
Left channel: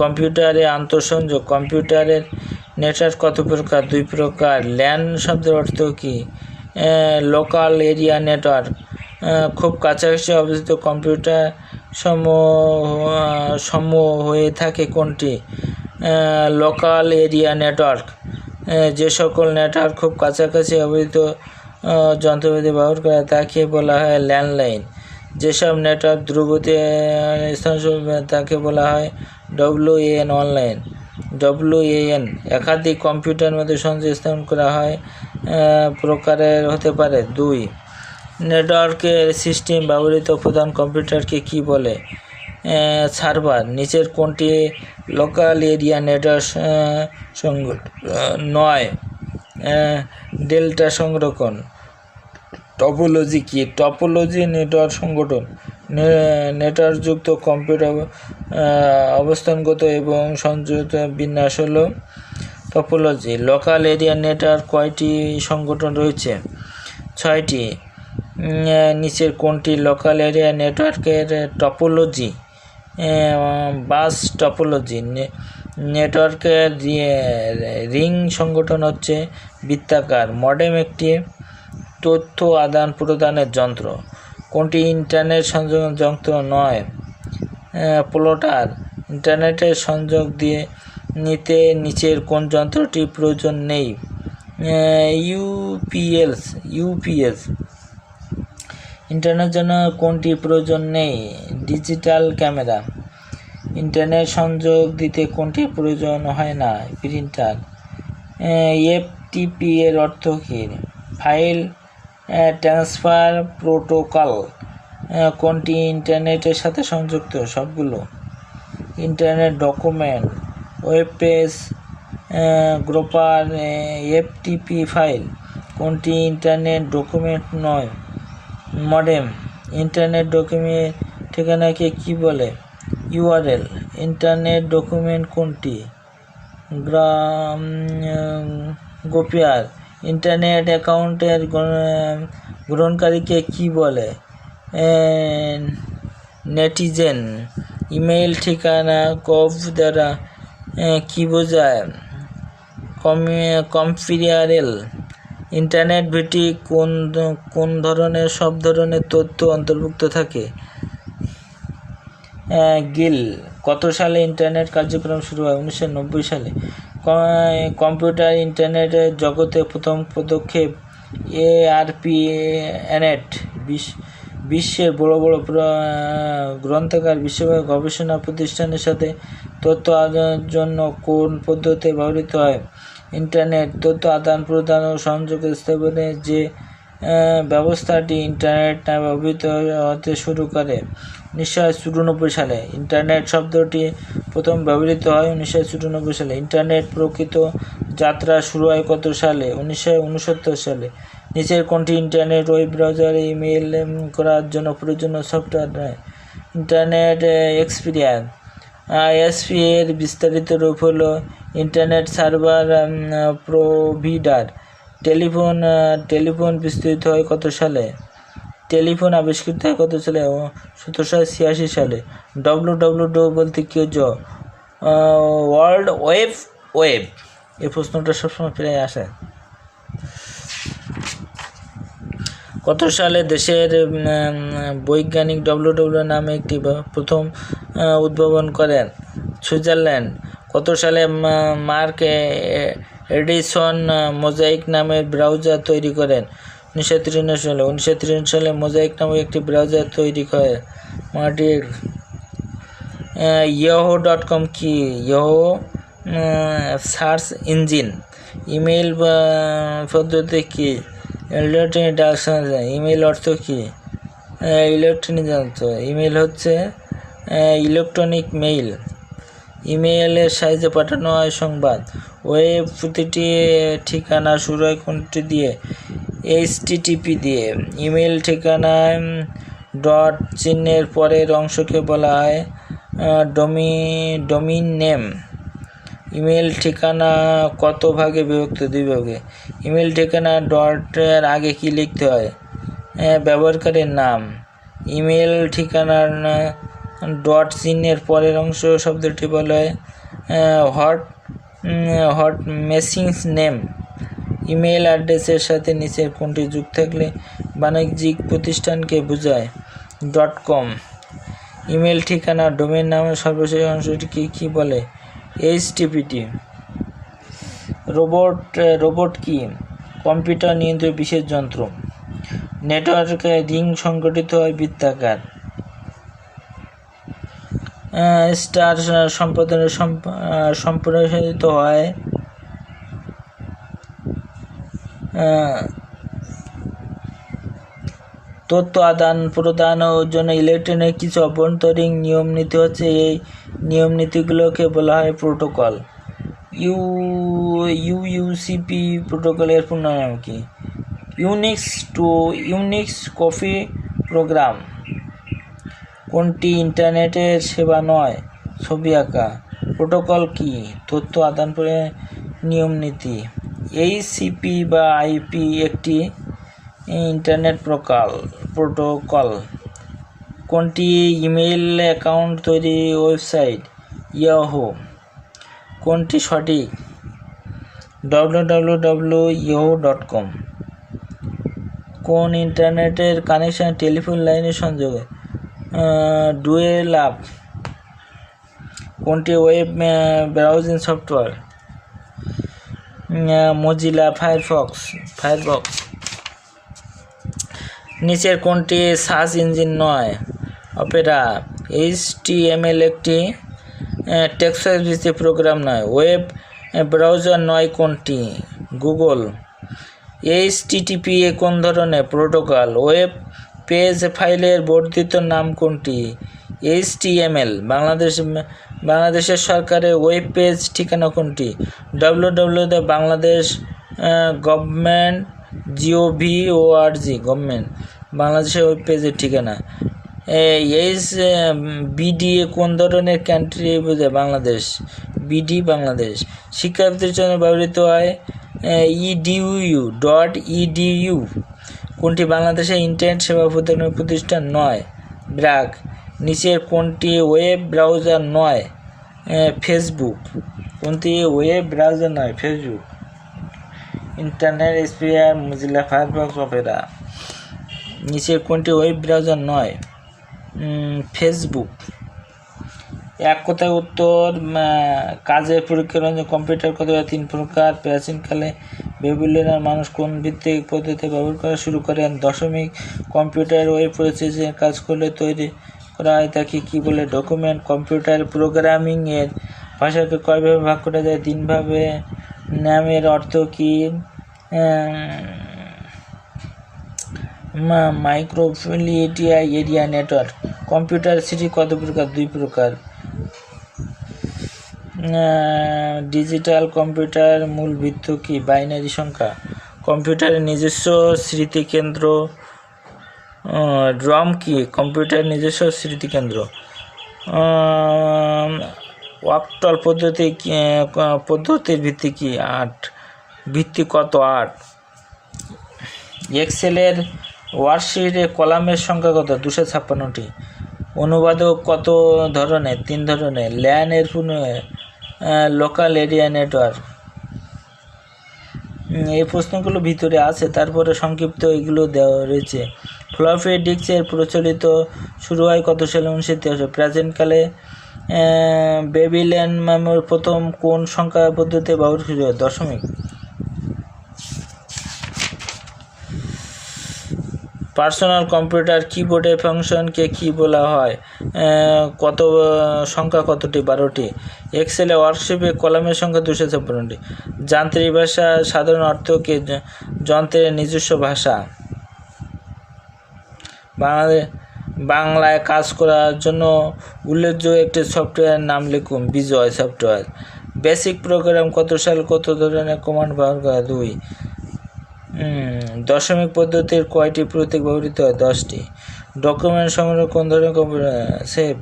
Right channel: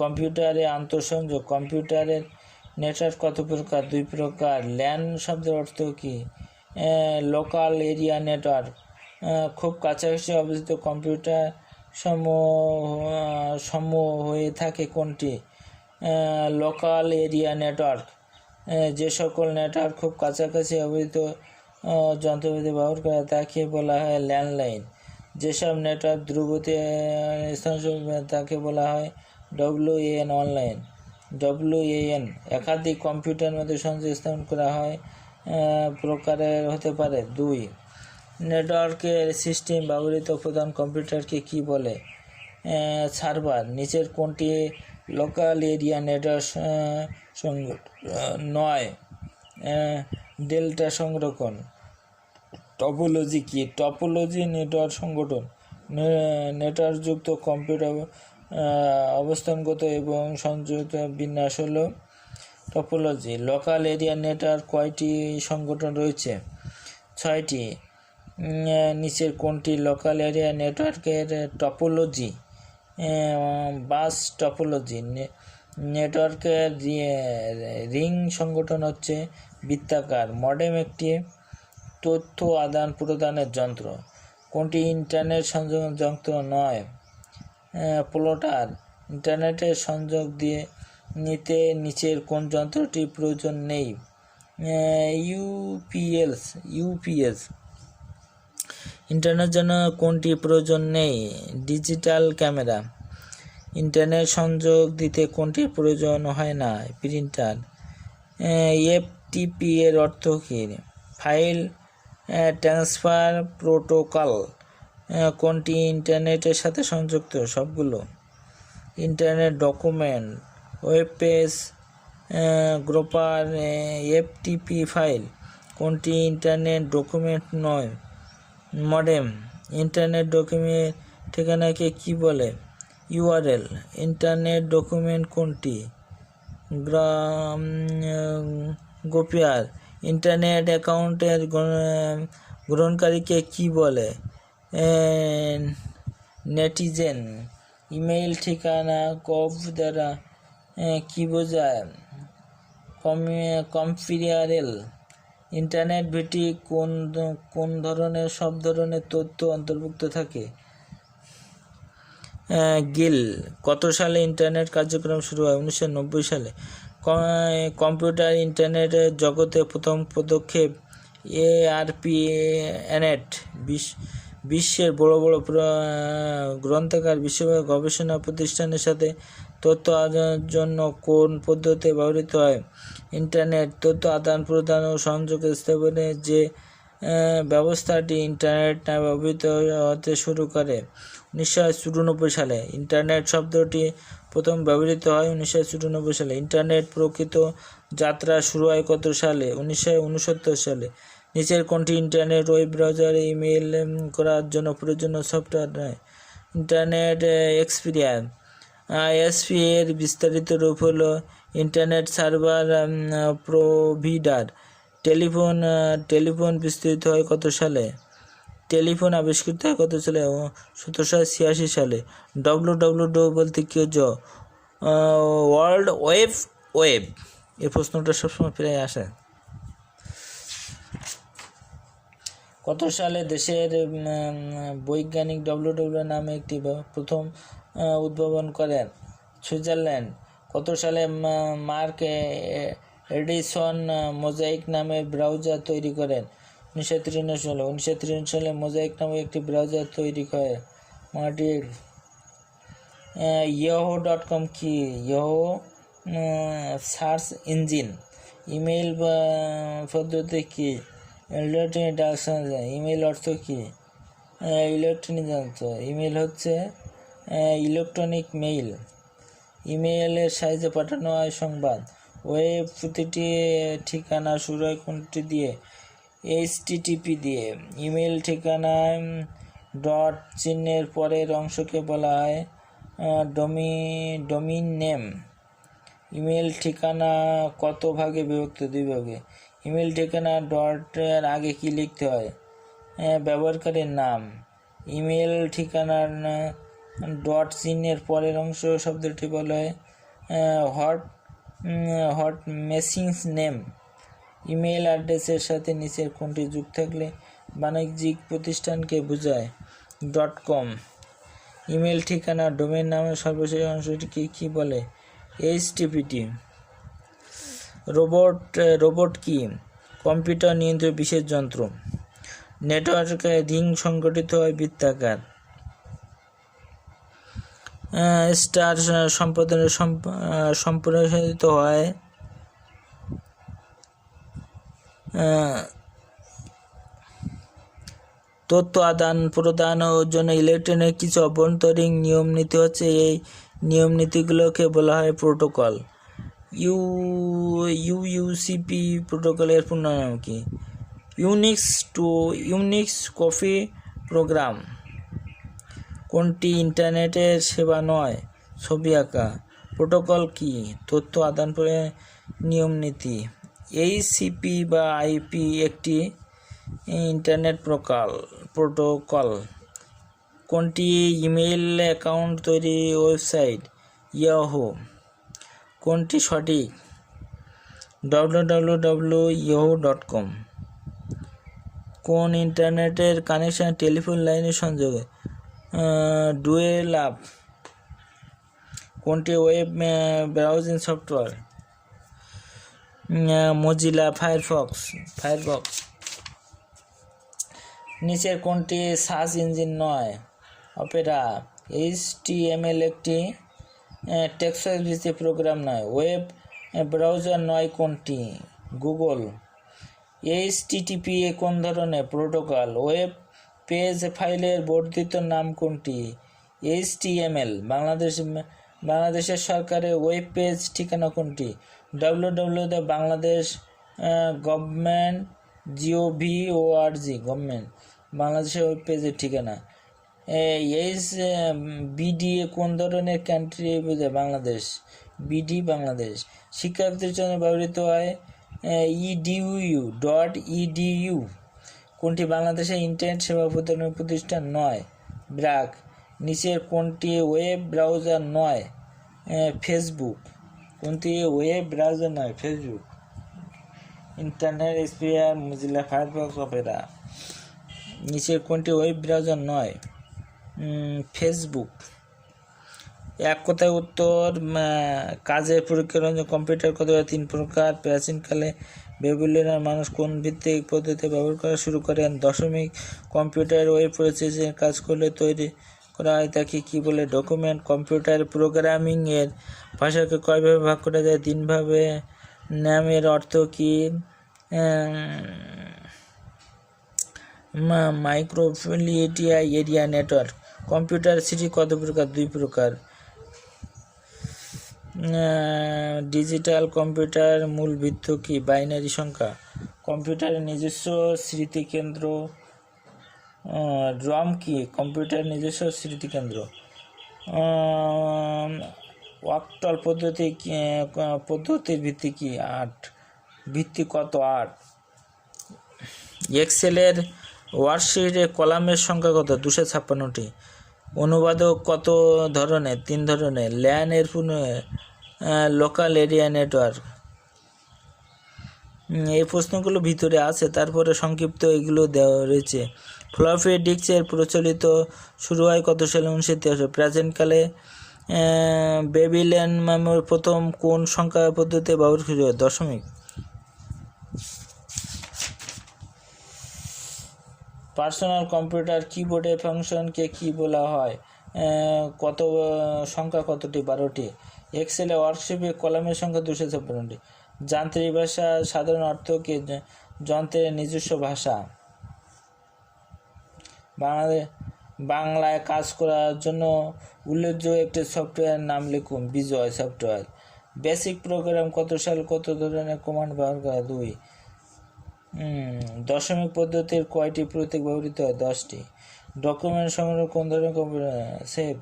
কম্পিউটারে আন্তঃসংযোগ। কম্পিউটারের নেটওয়ার্ক কত প্রকার? 2 প্রকার। ল্যান শব্দের অর্থ কি? Local area network. খুব কাছাকাছি অবস্থিত কম্পিউটার সমূহ হয়ে থাকে কোনটি? Local area network. যে সকল নেটওয়ার্ক খুব কাছাকাছি অবস্থিত যন্ত্রপাতি ব্যবহার করে তাকে বলা হয় ল্যান্ডলাইন। যেসব নেটওয়ার্ক দ্রুতগতি তাকে বলা হয় WAN অনলাইন। WAN একাধিক কম্পিউটারের মধ্যে সংযোগ স্থাপন করা হয় প্রকারের হতে পারে। 2 নেটওয়ার্কের সিস্টেম ব্যবহৃত প্রধান কম্পিউটারকে কি বলে? সার্ভার। নিচের কোনটি লোকাল এরিয়া নেটওয়ার্ক সংগঠন নয়? ডেল্টা সংরক্ষণ। টপোলজি কি? টপোলজি নেটওয়ার্ক সংগঠন। নেটওয়ার্কযুক্ত কম্পিউটার অবস্থানগত এবং সংযুক্ত বিন্যাস হলো টপোলজি। লোকাল এরিয়া নেটওয়ার্ক কয়টি সংগঠন রয়েছে? 6টি। নিচের কোনটি লোকাল এরিয়া নেটওয়ার্কের টপোলজি? Bus topology. নেটওয়ার্কের রিং সংগঠন হচ্ছে বৃত্তাকার। মডেম একটি তথ্য আদান প্রদানের যন্ত্র। কোনটি ইন্টারনেট সংযোগ যন্ত্র নয়? প্লটার। ইন্টারনেটের সংযোগ নিতে নিচের কোন যন্ত্রটির প্রয়োজন নেই? ইউপিএস। ইন্টারনেটের জন্য কোনটি প্রয়োজন নেই? Digital camera. ইন্টারনেট সংযোগ দিতে কোনটি প্রয়োজন হয় না? প্রিন্টার। FTP এর অর্থ কী? File transfer protocol. কোনটি ইন্টারনেটের সাথে সংযুক্ত? সবগুলো। Internet document, web page, gopher, FTP file. কোনটি ইন্টারনেট ডকুমেন্ট নয়? মডেম। ইন্টারনেট ডকুমেন্ট ঠিকানাকে কি বলে? URL। ইন্টারনেট ডকুমেন্ট কোনটি? গোপিয়ার। ইন্টারনেট অ্যাকাউন্টের গ্রহণকারীকে কি বলে? নেটিজেন। ইমেইল ঠিকানা কব দ্বারা কি বোঝায়? কম্পিউটারেল। ইন্টারনেট ভিত্তিক কোন ধরনের সব ধরনের তথ্য অন্তর্ভুক্ত থাকে? গিল। কত সালে ইন্টারনেট কার্যক্রম শুরু হয়? 1990 সালে। কম্পিউটার ইন্টারনেটের জগতে প্রথম পদক্ষেপ ARPANET। বিশ্বের বড় গ্রন্থাগার, বিশ্বব্যাপী গবেষণা প্রতিষ্ঠানের সাথে তথ্য আদানের জন্য কোন পদ্ধতি ব্যবহৃত হয়? ইন্টারনেট। তথ্য আদান প্রদান ও সংযোগ স্থাপনে যে ব্যবস্থাটি ইন্টারনেট নামে অভিহিত হতে শুরু করে 1994 সালে। ইন্টারনেট শব্দটি প্রথম ব্যবহৃত হয় 1994 সালে। ইন্টারনেট প্রকৃত যাত্রা শুরু হয় কত সালে? 1969 সালে। নিচের কোনটি ইন্টারনেট ওয়েব ব্রাউজারে ইমেল করার জন্য প্রয়োজনীয় সফটওয়্যার নয়? Internet experience. আইএসপি এর বিস্তারিত রূপ হলো ইন্টারনেট সার্ভার প্রোভিডার। টেলিফোন বিস্তৃত হয় কত সালে? টেলিফোন আবিষ্কৃত হয় কত সালে? 1786 সালে। WWW বলতে কি বোঝো? World web. এই প্রশ্নটা সবসময় প্রায় আসে। কত সালে দেশের বৈজ্ঞানিক WWW নামে একটি প্রথম উদ্ভাবন করেন? সুইজারল্যান্ড। কত সালে মার্ক এডিসন মোজাইক নামের ব্রাউজার তৈরি করেন? 1993 সালে। 1993 সালে মোজাইক নামে একটি ব্রাউজার তৈরি করে মার্টির। yahoo.com কি? Yahoo search engine. ইমেইল পদ্ধতি কি? ইলেকট্রনিক ডাকসংস্থা। ইমেইল অর্থ কি? ইলেকট্রনিক যন্ত্র। ইমেইল হচ্ছে ইলেকট্রনিক মেইল। ইমেইলের সাহায্যে পাঠানো হয় সংবাদ। ওয়েব প্রতিটি ঠিকানা শুরু হয় কোনটি দিয়ে? HTTP দিয়ে। ইমেইল ঠিকানায় ডট চিহ্নের পরের অংশকে বলা হয় ডোমিন নেম। ইমেল ঠিকানা কত ভাগে বিভক্ত? 2 ভাগে। ইমেল ঠিকানা ডটের আগে কি লিখতে হয়? ব্যবহারকারীর নাম। ইমেল ঠিকানার ডট চিহ্নের পরের অংশ শব্দটি বলা হয় হট মেসেজ নেম। ইমেল অ্যাড্রেসের সাথে নিচের কোনটি যুক্ত থাকলে বাণিজ্যিক প্রতিষ্ঠানকে বোঝায়? .com। ইমেল ঠিকানা ডোমেন নামের সর্বশেষ অংশটিকে কি বলে? HTTP। রোবট কি? কম্পিউটার নিয়ন্ত্রিত বিশেষ যন্ত্র। নেটওয়ার্কে রিং সংগঠিত হয় বৃত্তাকার। স্টার সম্প্রসারিত হয় তথ্য আদান প্রদানের জন্য ইলেকট্রনিক কিছু অভ্যন্তরীণ নিয়ম নীতি হচ্ছে। এই নিয়ম নীতিগুলোকে বলা হয় প্রোটোকল। ইউইউসিপি প্রোটোকলের পূর্ণ নাম কি? Unix coffee program. কোনটি ইন্টারনেটের সেবা নয়? ছবি আঁকা। প্রোটোকল কি? তথ্য আদান প্রদানের নিয়ম নীতি। HCP বা IP একটি ইন্টারনেট প্রোটোকল। কোনটি ইমেইল অ্যাকাউন্ট তৈরি ওয়েবসাইট? ইয়াহু। কোনটি সঠিক? www.yahoo.com। কোন ইন্টারনেটের কানেকশন টেলিফোন লাইনের সংযোগে? Dial up. কোনটি web browsing software? Mozilla Firefox. নিচের কোনটি সার্চ ইঞ্জিন নয়? অপেরা। HTML একটি টেক্সট ভিত্তিক প্রোগ্রাম নয়। ওয়েব ব্রাউজার নয় কোনটি? গুগল। HTTP কোন ধরনের প্রোটোকল? ওয়েব পেজ ফাইলের বর্ধিত নাম কোনটি? HTML। বাংলাদেশের সরকারের ওয়েব পেজ ঠিকানা কোনটি? www.bangladesh.gov.org। গভর্নমেন্ট। বাংলাদেশের ওয়েব পেজের ঠিকানা। BDA কোন ধরনের কান্ট্রি বোঝায়? বাংলাদেশ। BD বাংলাদেশ। শিক্ষার্থীর জন্য ব্যবহৃত হয় edu.edu। কোনটি বাংলাদেশের ইন্টারনেট সেবা প্রদানের প্রতিষ্ঠান নয়? ব্র্যাক। নিচের কোনটি ওয়েব ব্রাউজার নয়? ফেসবুক। কোনটি ওয়েব ব্রাউজার নয়? Facebook. Internet explorer, Mozilla Firefox, Opera. নিচের কোনটি ওয়েব ব্রাউজার নয়? ফেসবুক। এক কথায় উত্তর। কাজের পরীক্ষার কম্পিউটার কত 3 প্রকার। প্রাচীনকালে বেবিলনের মানুষ কোন ভিত্তিক পদ্ধতি ব্যবহার করা শুরু করেন? দশমিক। কম্পিউটার ওয়েব প্রসেসিং কাজ করলে তৈরি করা হয় তাকে কি বলে? ডকুমেন্ট। কম্পিউটার প্রোগ্রামিং এর ভাষাকে কয়ভাবে ভাগ করা যায়? 3 ভাবে। নামের অর্থ কি? মাইক্রোফ্লুইডিটি এরিয়া নেটওয়ার্ক। কম্পিউটার সিটি কত প্রকার? 2 প্রকার। ডিজিটাল কম্পিউটার মূল ভিত্তি কি? বাইনারি সংখ্যা। কম্পিউটারের নিজস্ব স্মৃতিকেন্দ্র রম কি? কম্পিউটারের নিজস্ব স্মৃতিকেন্দ্র। ওয়াক্টল পদ্ধতির ভিত্তি কি? 8। ভিত্তি কত? 8। এক্সেলের ওয়ার্কশিটে কলামের সংখ্যা কত? 256টি। অনুবাদক কত ধরনের? 3 ধরনের। ল্যান এর লোকাল এরিয়া নেটওয়ার্ক। এই প্রশ্নগুলো ভিতরে আছে, তারপরে সংক্ষিপ্ত এগুলো দেওয়া রয়েছে। ফ্লপি ডিস্কের প্রচলিত শুরু হয় কত সালে? 1983। প্রাচীনকালে বেবিলিয়ান মেমোরি প্রথম কোন সংখ্যা পদ্ধতি ব্যবহার শুরু হয়? দশমিক। পার্সোনাল কম্পিউটার কিবোর্ডের ফাংশনকে কি বলা হয়? কত সংখ্যা কতটি? 12টি। এক্সেলে ওয়ার্কশিপে কলামের সংখ্যা 256টি। যান্ত্রিক ভাষা সাধারণ অর্থ কি? যন্ত্রের নিজস্ব ভাষা। বাংলায় কাজ করার জন্য উল্লেখযোগ্য একটি সফটওয়্যার নাম লিখুন। বিজয় সফটওয়্যার। বেসিক প্রোগ্রাম কত সাল কত ধরনের কমান্ড ব্যবহার করা? 2। দশমিক পদ্ধতির কয়টি প্রতীক ব্যবহৃত হয়? 10টি। ডকুমেন্ট সংগ্রহ কোন ধরনের কম্পিউটার? সেভ।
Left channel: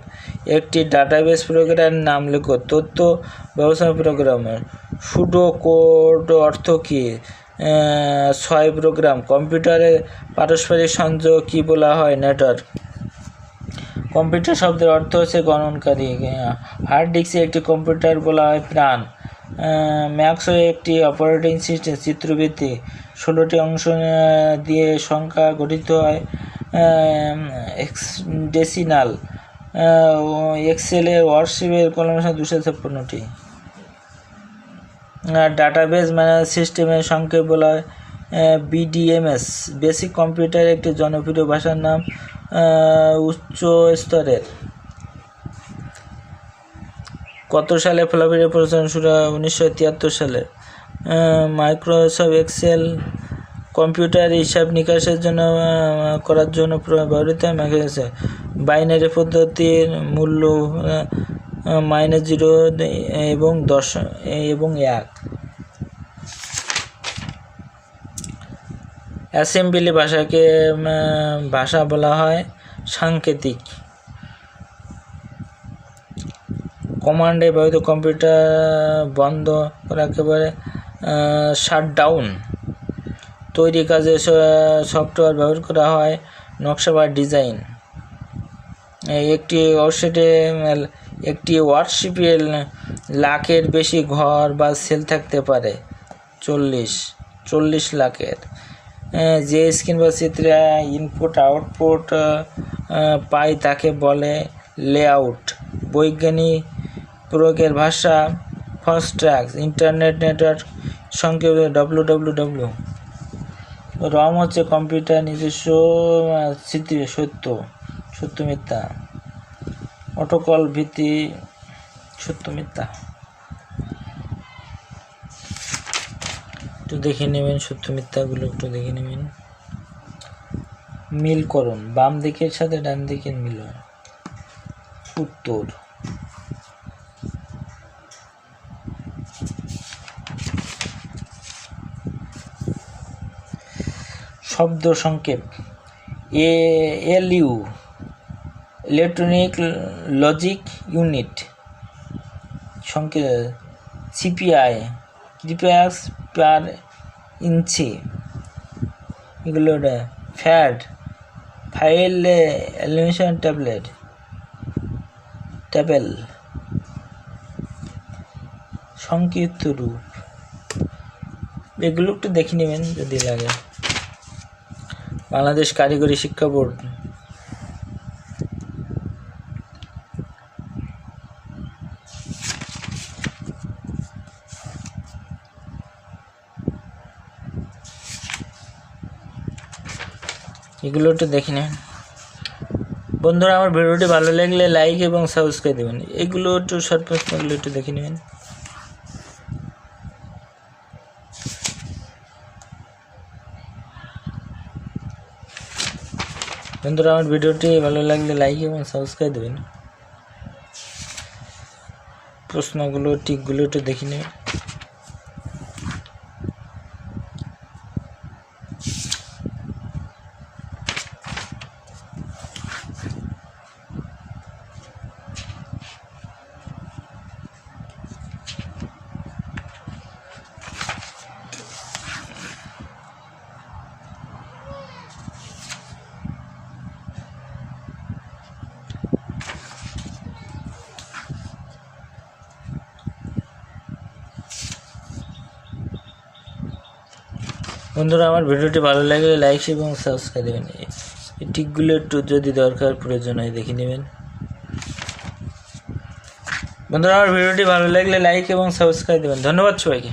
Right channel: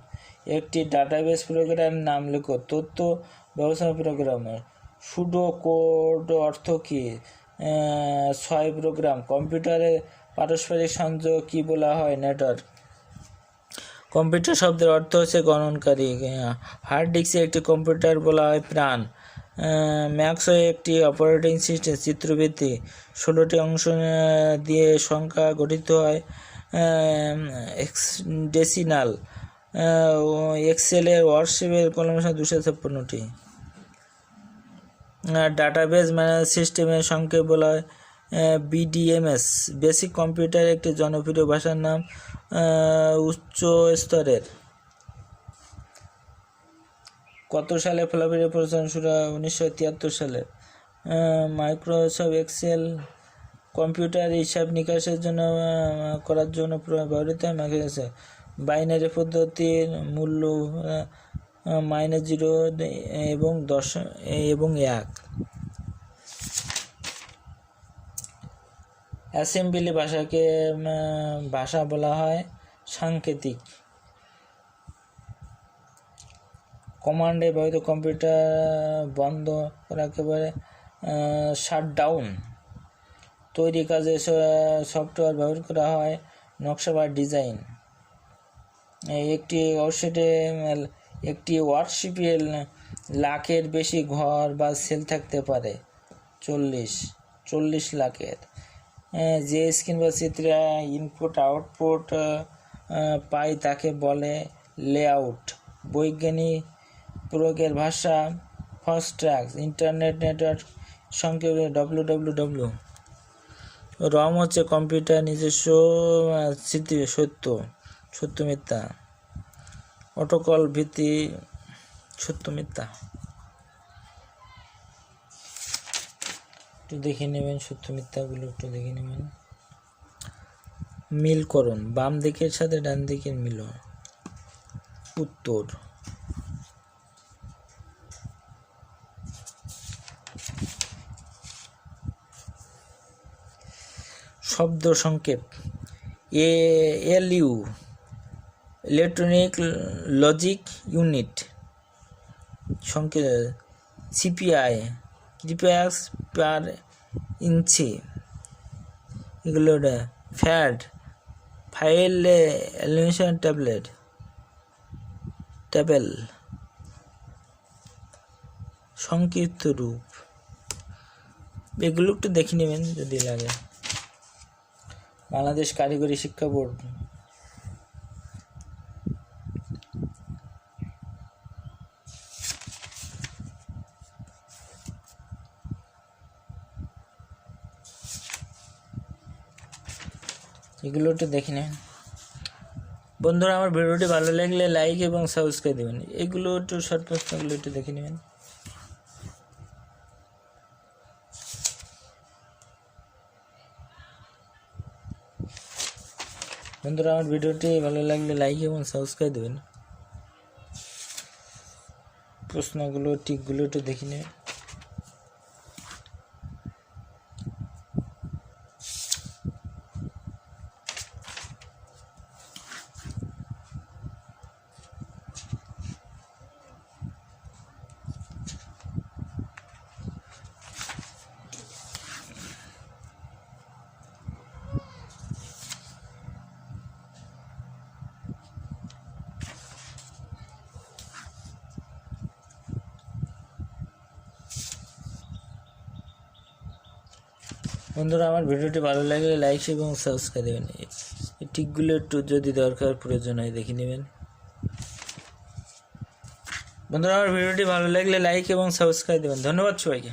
একটি ডাটাবেস প্রোগ্রামের নাম লেখো। তথ্য ব্যবস্থাপনা প্রোগ্রামের। সুডো কোড অর্থ কী? 6 প্রোগ্রাম। কম্পিউটারের পারস্পরিক সংযোগ কি বলা হয়? নেটওয়ার্ক। কম্পিউটার শব্দের অর্থ হচ্ছে গণনকারী। হার্ড ডিস্কে একটি কম্পিউটার বলা হয় প্রাণ। ম্যাক্সও একটি অপারেটিং সিস্টেম। চিত্রভিত্তিক। 16টি অংশ দিয়ে সংখ্যা গঠিত হয়। ডেসিমাল। এক্সেলের ওয়ার্কশিপের কলামের সংখ্যা 256টি। ডাটাবেস ম্যানেজমেন্ট সিস্টেমের সংক্ষেপ বলা হয় বিডিএমএস। বেসিক কম্পিউটার একটি জনপ্রিয় ভাষার নাম উচ্চ স্তরের। কত সালে ফ্লপি প্রচলন শুরু হয়? 1973 সালে। মাইক্রোসফট এক্সেল কম্পিউটার হিসাব নিকাশের জন্য করার জন্য ব্যবহৃত হয়। মাইক্রোসফট বাইনারি পদ্ধতির মূল্য -0 এবং 10 এবং 1। অ্যাসেম্বলি ভাষাকে ভাষা বলা হয় সাংকেতিক। কমান্ডে ব্যবহৃত কম্পিউটার বন্ধ করা একেবারে শাটডাউন। তৈরি কাজে সফটওয়্যার ব্যবহার করা হয় নকশা বা ডিজাইন। একটি ওয়ার্কশিপে লাখের বেশি ঘর বা সেল থাকতে পারে। 40 লাখের। যে স্ক্রিন বা চিত্রে ইনপুট আউটপুট পাই তাকে বলে লেআউট। বৈজ্ঞানিক প্রয়োগের ভাষা ফস্ট্রাক্স। ইন্টারনেট নেটওয়ার্ক সংক্ষেপ www। রম হচ্ছে কম্পিউটার নিজস্ব স্মৃতি। সত্য মিথ্যা। প্রোটোকল ভিত্তি সত্য মিথ্যা। একটু দেখে নেবেন সত্য মিথ্যাগুলো, একটু দেখে নেবেন। মিল করুন। বাম দিকের সাথে ডান দিকের মিলন। উত্তর। শব্দ সংক্ষেপ। ALU electronic logic unit. সংক্ষেপ। সিপিআই ক্রিপ্যাক্স পার ইঞ্চি। এগুলো ফ্যাড ফাইল অ্যালিমিনেশন ট্যাবেল। সংক্ষিপ্ত রূপ। এগুলো একটু দেখে নেবেন যদি লাগে। বাংলাদেশ কারিগরি শিক্ষা বোর্ড। এগুলো একটু দেখে নেবেন। বন্ধুরা, আমার ভিডিওটি ভালো লাগলে লাইক এবং সাবস্ক্রাইব দেবেন। এগুলো একটু শর্ট প্রশ্নগুলো একটু দেখে নেবেন। বন্ধুরা আমার ভিডিওটি ভালো লাগলে লাইক এবং সাবস্ক্রাইব দেবেন। প্রশ্নগুলো টিকগুলো একটু দেখে নেবেন। বন্ধুরা আমার ভিডিওটি ভালো লাগলে লাইক এবং সাবস্ক্রাইব দেবেন। এই টিকগুলো একটু যদি দরকার প্রয়োজন হয় দেখে নেবেন। বন্ধুরা আমার ভিডিওটি ভালো লাগলে লাইক এবং সাবস্ক্রাইব দেবেন। ধন্যবাদ সবাইকে।